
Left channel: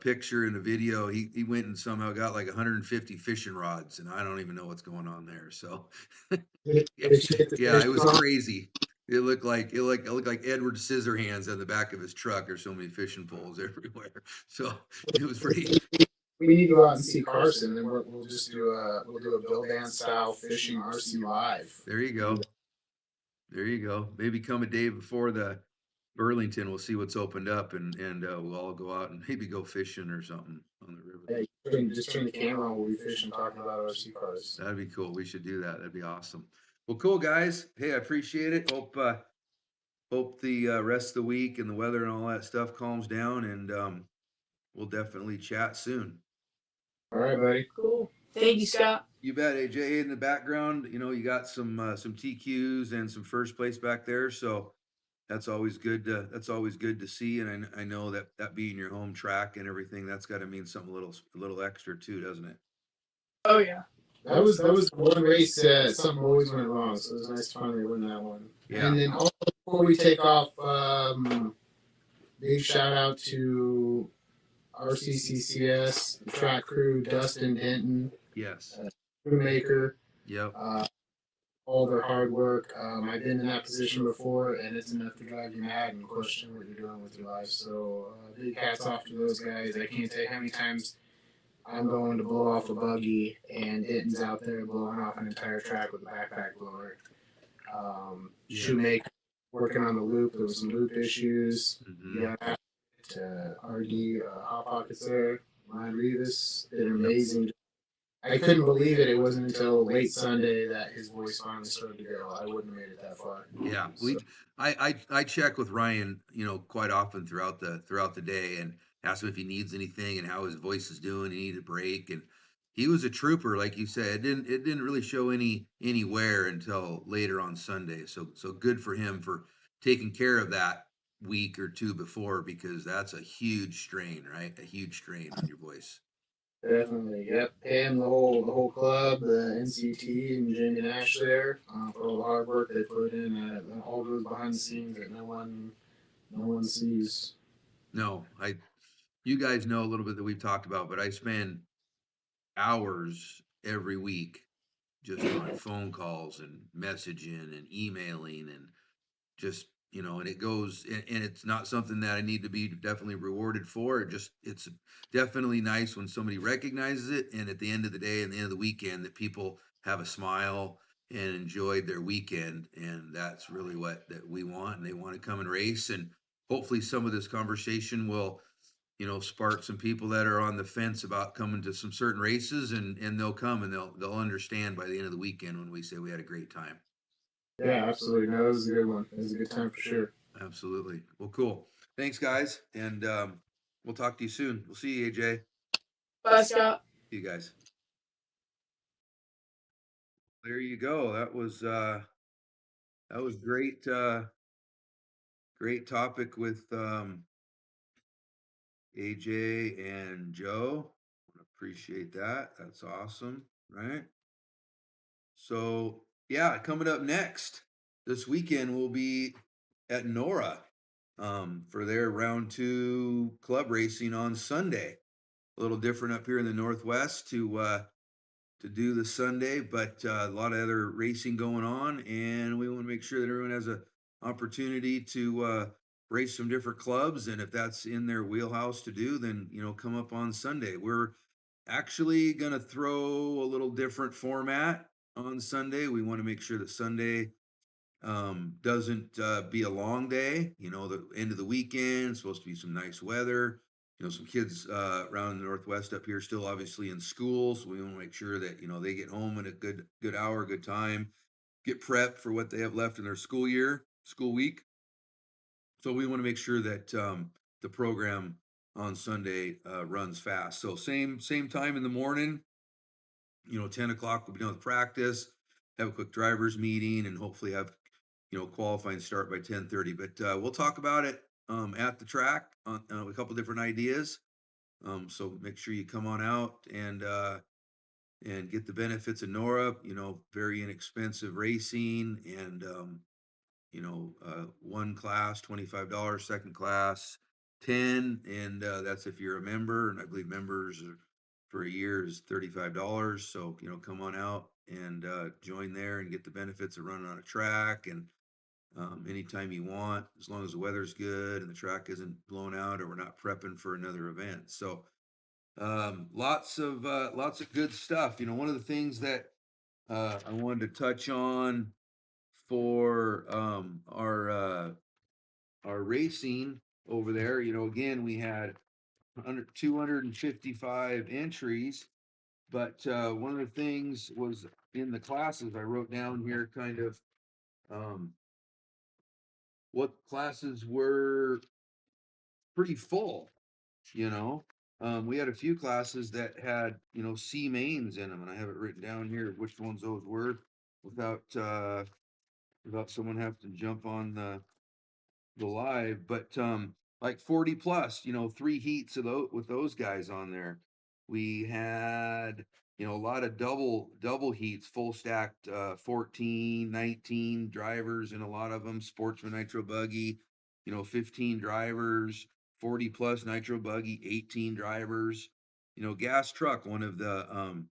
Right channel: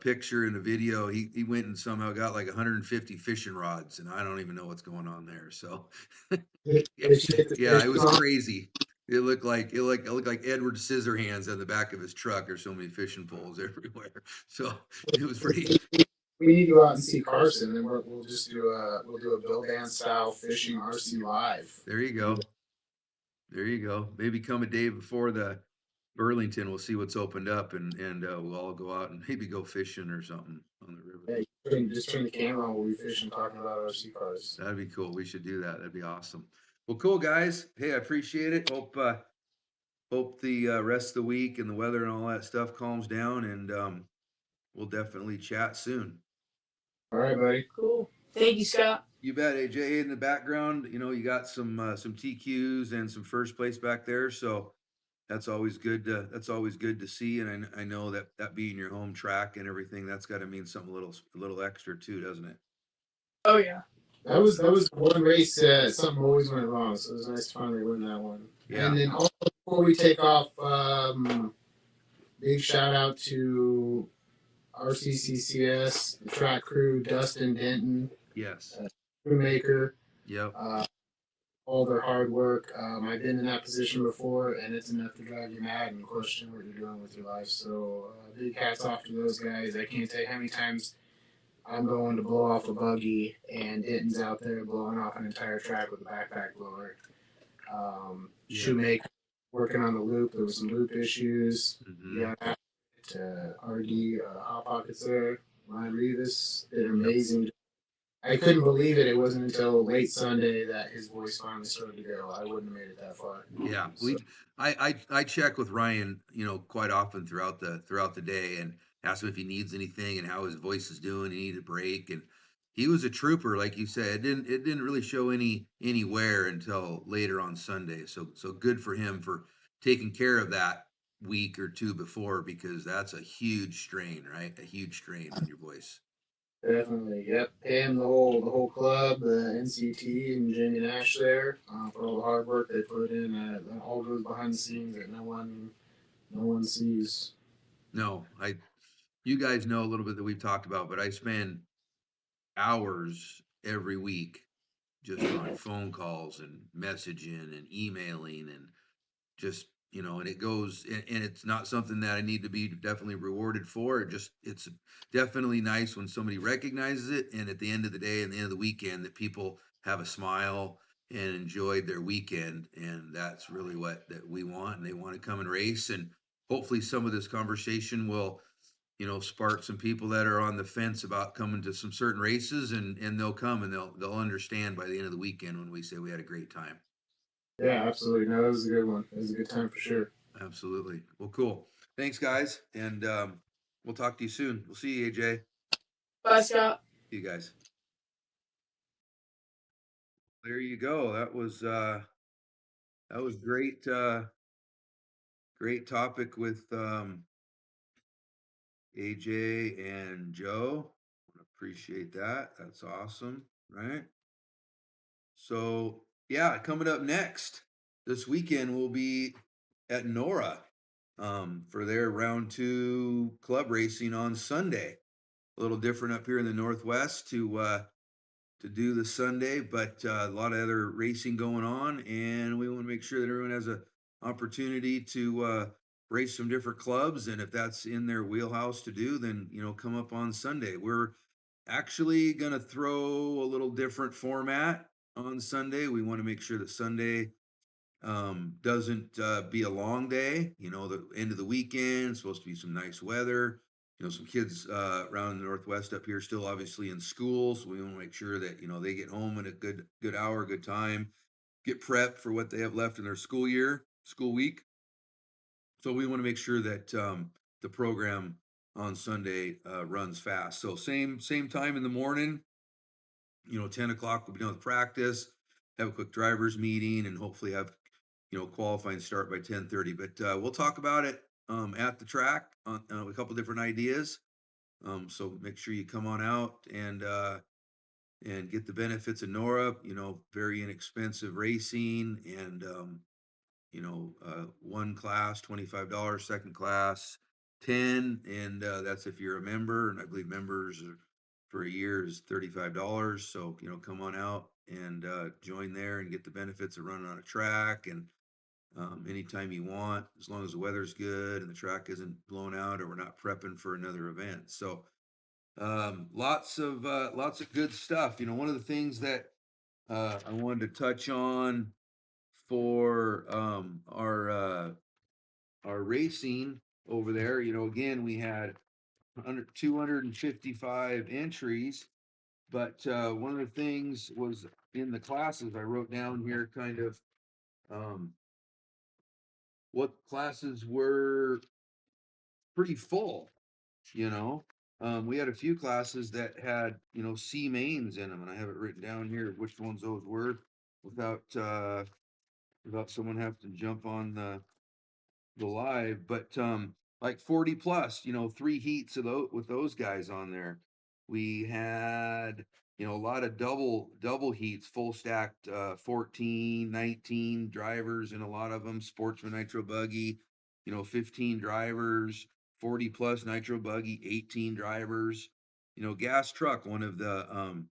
picture and a video. He went and somehow got like 150 fishing rods, and I don't even know what's going on there. So yeah, it was crazy. It looked like Edward Scissorhands on the back of his truck. There's so many fishing poles everywhere. So it was pretty. We need to go out and see Carson, and we'll just do a Bill Dance style fishing RC live. There you go. Maybe come a day before the Burlington. We'll see what's opened up, and we'll all go out and maybe go fishing or something on the river. Hey, just turn the camera on when we fish and talk about RC cars. That'd be cool. We should do that. That'd be awesome. Well, cool guys. Hey, I appreciate it. Hope the rest of the week and the weather and all that stuff calms down, and we'll definitely chat soon. All right, buddy. Cool. Thank you, Scott. You bet, AJ. In the background, you got some TQs and some first place back there, so that's always good to see. And I know that being your home track and everything, that's got to mean something a little extra too, doesn't it? Oh yeah. That was one race. Something always went wrong, so it was nice to finally win that one. Yeah. And then also before we take off, big shout out to RCCCS, the track crew, Dustin Denton. Yes. Crewmaker. Yep. All their hard work. I've been in that position before, and it's enough to drive you mad and question what you're doing with your life. So big hats off to those guys. I can't tell you how many times I'm going to blow off a buggy, and Denton's out there blowing off an entire track with a backpack blower. Shoemaker working on the loop. There was some loop issues. Mm-hmm. RD Hot Pockets there. Ryan Revis did an amazing. I couldn't believe it. It wasn't until late Sunday that his voice finally started to go. I wouldn't have made it that far. Yeah, So, I check with Ryan, quite often throughout the day and ask him if he needs anything and how his voice is doing. He needed a break, and he was a trooper, like you said. It didn't really show any wear until later on Sunday. So good for him for taking care of that week or two before, because that's a huge strain, right? A huge strain on your voice. definitely, yep. And the whole club, the NCT and Jenny Nash there for all the hard work they put in. That all goes behind the scenes that no one sees. No, you guys know a little bit that we've talked about, but I spend hours every week just on phone calls and messaging and emailing and just and it goes, and it's not something that I need to be definitely rewarded for. It's definitely nice when somebody recognizes it, and at the end of the day and the end of the weekend, that people have a smile and enjoyed their weekend, and that's really what that we want, and they want to come and race. And hopefully some of this conversation will spark some people that are on the fence about coming to some certain races, and they'll come, and they'll understand by the end of the weekend when we say we had a great time. Yeah, absolutely. No, it was a good one. It was a good time for sure. Absolutely. Well, cool. Thanks, guys, and we'll talk to you soon. We'll see you, AJ. Bye, Scott. See you guys. There you go. That was great. Great topic with AJ and Joe. Appreciate that. That's awesome, right? So yeah, coming up next this weekend we'll be at Nora for their round two club racing on Sunday. A little different up here in the Northwest to do the Sunday, but a lot of other racing going on, and we want to make sure that everyone has a opportunity to race some different clubs, and if that's in their wheelhouse to do, then come up on Sunday. We're actually going to throw a little different format on Sunday. We want to make sure that Sunday doesn't be a long day. The end of the weekend, supposed to be some nice weather. Some kids around the Northwest up here still obviously in school, so we want to make sure that they get home in a good hour, good time, get prepped for what they have left in their school week. So we want to make sure that the program on Sunday runs fast. So same time in the morning. 10 o'clock we'll be done with practice, have a quick drivers meeting, and hopefully have qualifying start by 10:30. But we'll talk about it at the track on a couple different ideas. So make sure you come on out and get the benefits of Nora. Very inexpensive racing, and one class $25, second class 10, and that's if you're a member. And I believe members for a year is $35. So come on out and join there and get the benefits of running on a track, and anytime you want, as long as the weather's good and the track isn't blown out or we're not prepping for another event. So lots of good stuff. One of the things that I wanted to touch on for our racing over there. Again, we had under 255 entries, but one of the things was in the classes I wrote down here, kind of um, what classes were pretty full. You know, we had a few classes that had C mains in them, and I have it written down here which ones those were, without without someone having to jump on the live. But like 40 plus, 3 heats of those with those guys on there. We had a lot of double heats, full stacked 14, 19 drivers, and a lot of them sportsman nitro buggy, 15 drivers, 40 plus nitro buggy, 18 drivers. Gas truck, one of the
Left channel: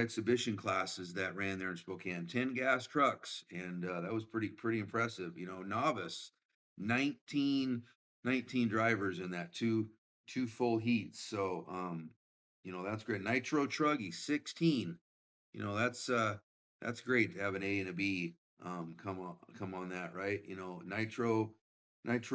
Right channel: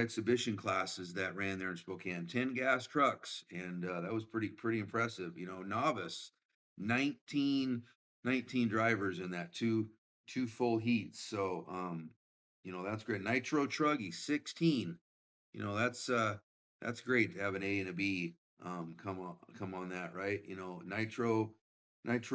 exhibition classes that ran there in Spokane, 10 gas trucks, and that was pretty impressive. Novice, 19 drivers in that two full heats. So You know, that's great. Nitro Truggy, 16. You know, that's great to have an A and a B come on that, right? You know, Nitro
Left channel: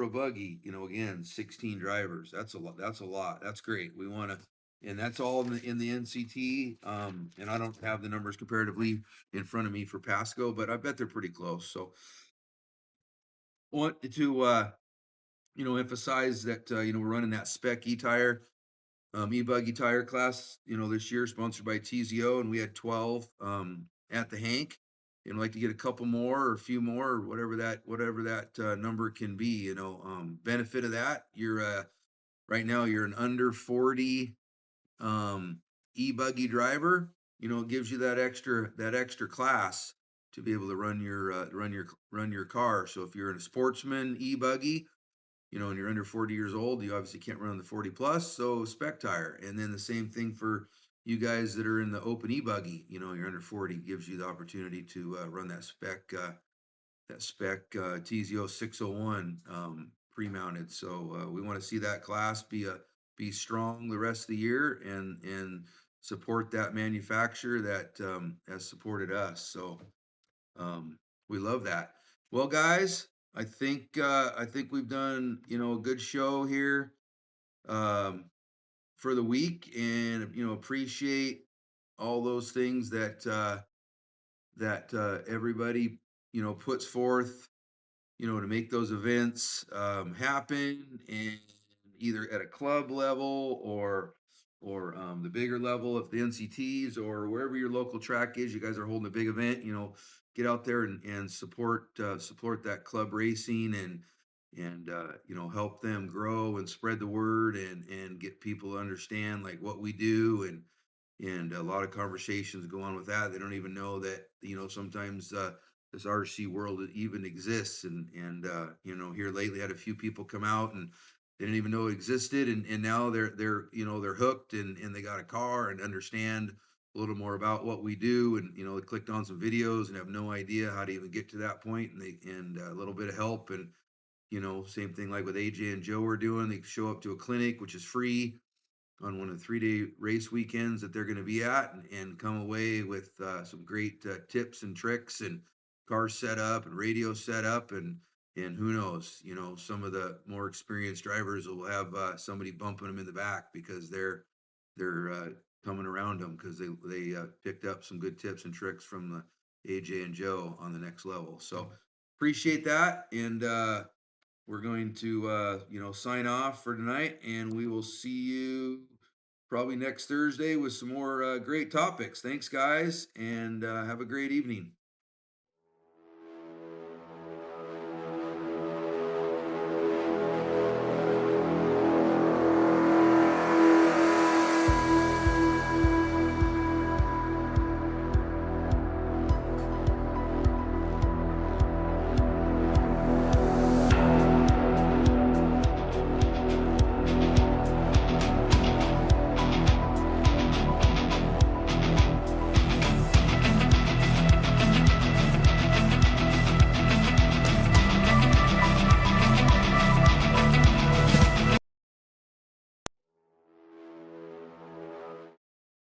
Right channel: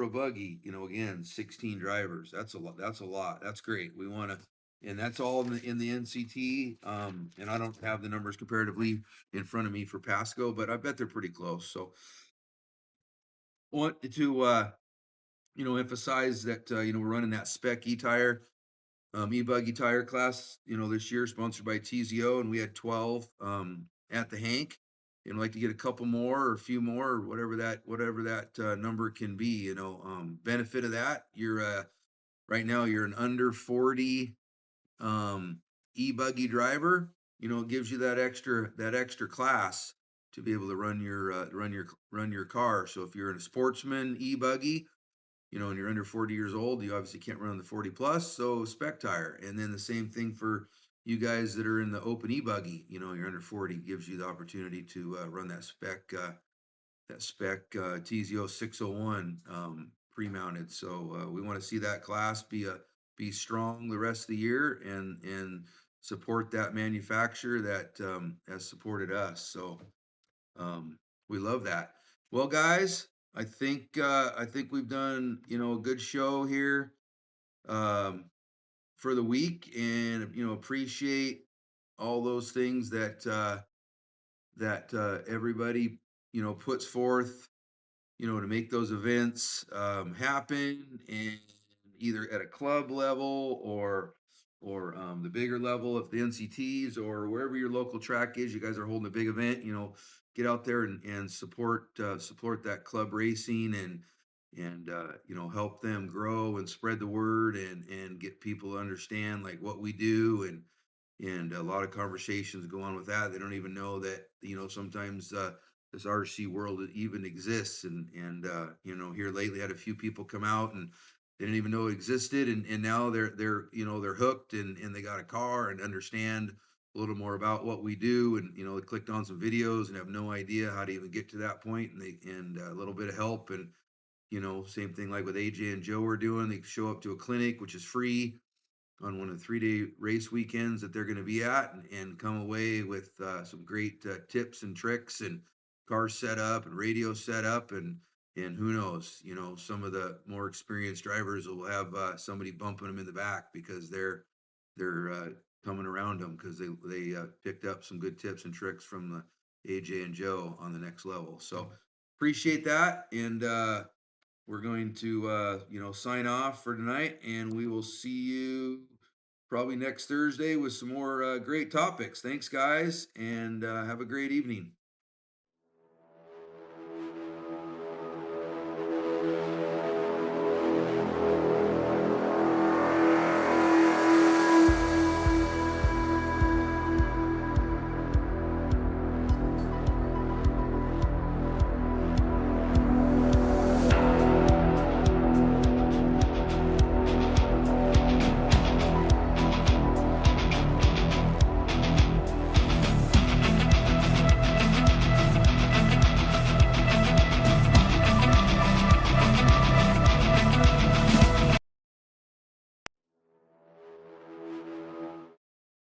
Buggy, you know, again, 16 drivers. That's a lot. That's a lot. That's great. We want to, and that's all in the NCT. And I don't have the numbers comparatively in front of me for Pasco, but I bet they're pretty close. So want to you know, emphasize that you know, we're running that spec e-tire e-buggy tire class, you know, this year sponsored by TZO, and we had 12 at the Hank, and I'd like to get a couple more or a few more or whatever that number can be. You know, benefit of that, you're right now you're an under 40 e-buggy driver. You know, it gives you that extra class to be able to run your car. So if you're in a sportsman e-buggy, you know, and you're under 40 years old, you obviously can't run the 40 plus, so spec tire. And then the same thing for you guys that are in the open e-buggy, you know, you're under 40, gives you the opportunity to run that spec TZO 601 pre-mounted. So we want to see that class be strong the rest of the year and support that manufacturer that has supported us. So we love that. Well, guys, I think we've done, you know, a good show here um, for the week, and you know, appreciate all those things that everybody, you know, puts forth, you know, to make those events happen, and either at a club level or the bigger level of the NCTs or wherever your local track is. You guys are holding a big event, you know, get out there and support that club racing and you know, help them grow and spread the word and get people to understand like what we do and a lot of conversations go on with that. They don't even know that, you know, sometimes this RC world even exists. And you know, here lately had a few people come out and they didn't even know it existed. And now they're, you know, they're hooked and they got a car and understand a little more about what we do. And, you know, they clicked on some videos and have no idea how to even get to that point. And a little bit of help. And, you know, same thing like with AJ and Joe are doing. They show up to a clinic, which is free on one of the 3-day race weekends that they're going to be at and come away with some great tips and tricks and car setup and radio setup and who knows, you know, some of the more experienced drivers will have somebody bumping them in the back because they're coming around them because they picked up some good tips and tricks from the AJ and Joe on the next level. So appreciate that, and we're going to, you know, sign off for tonight, and we will see you probably next Thursday with some more great topics. Thanks, guys, and have a great evening.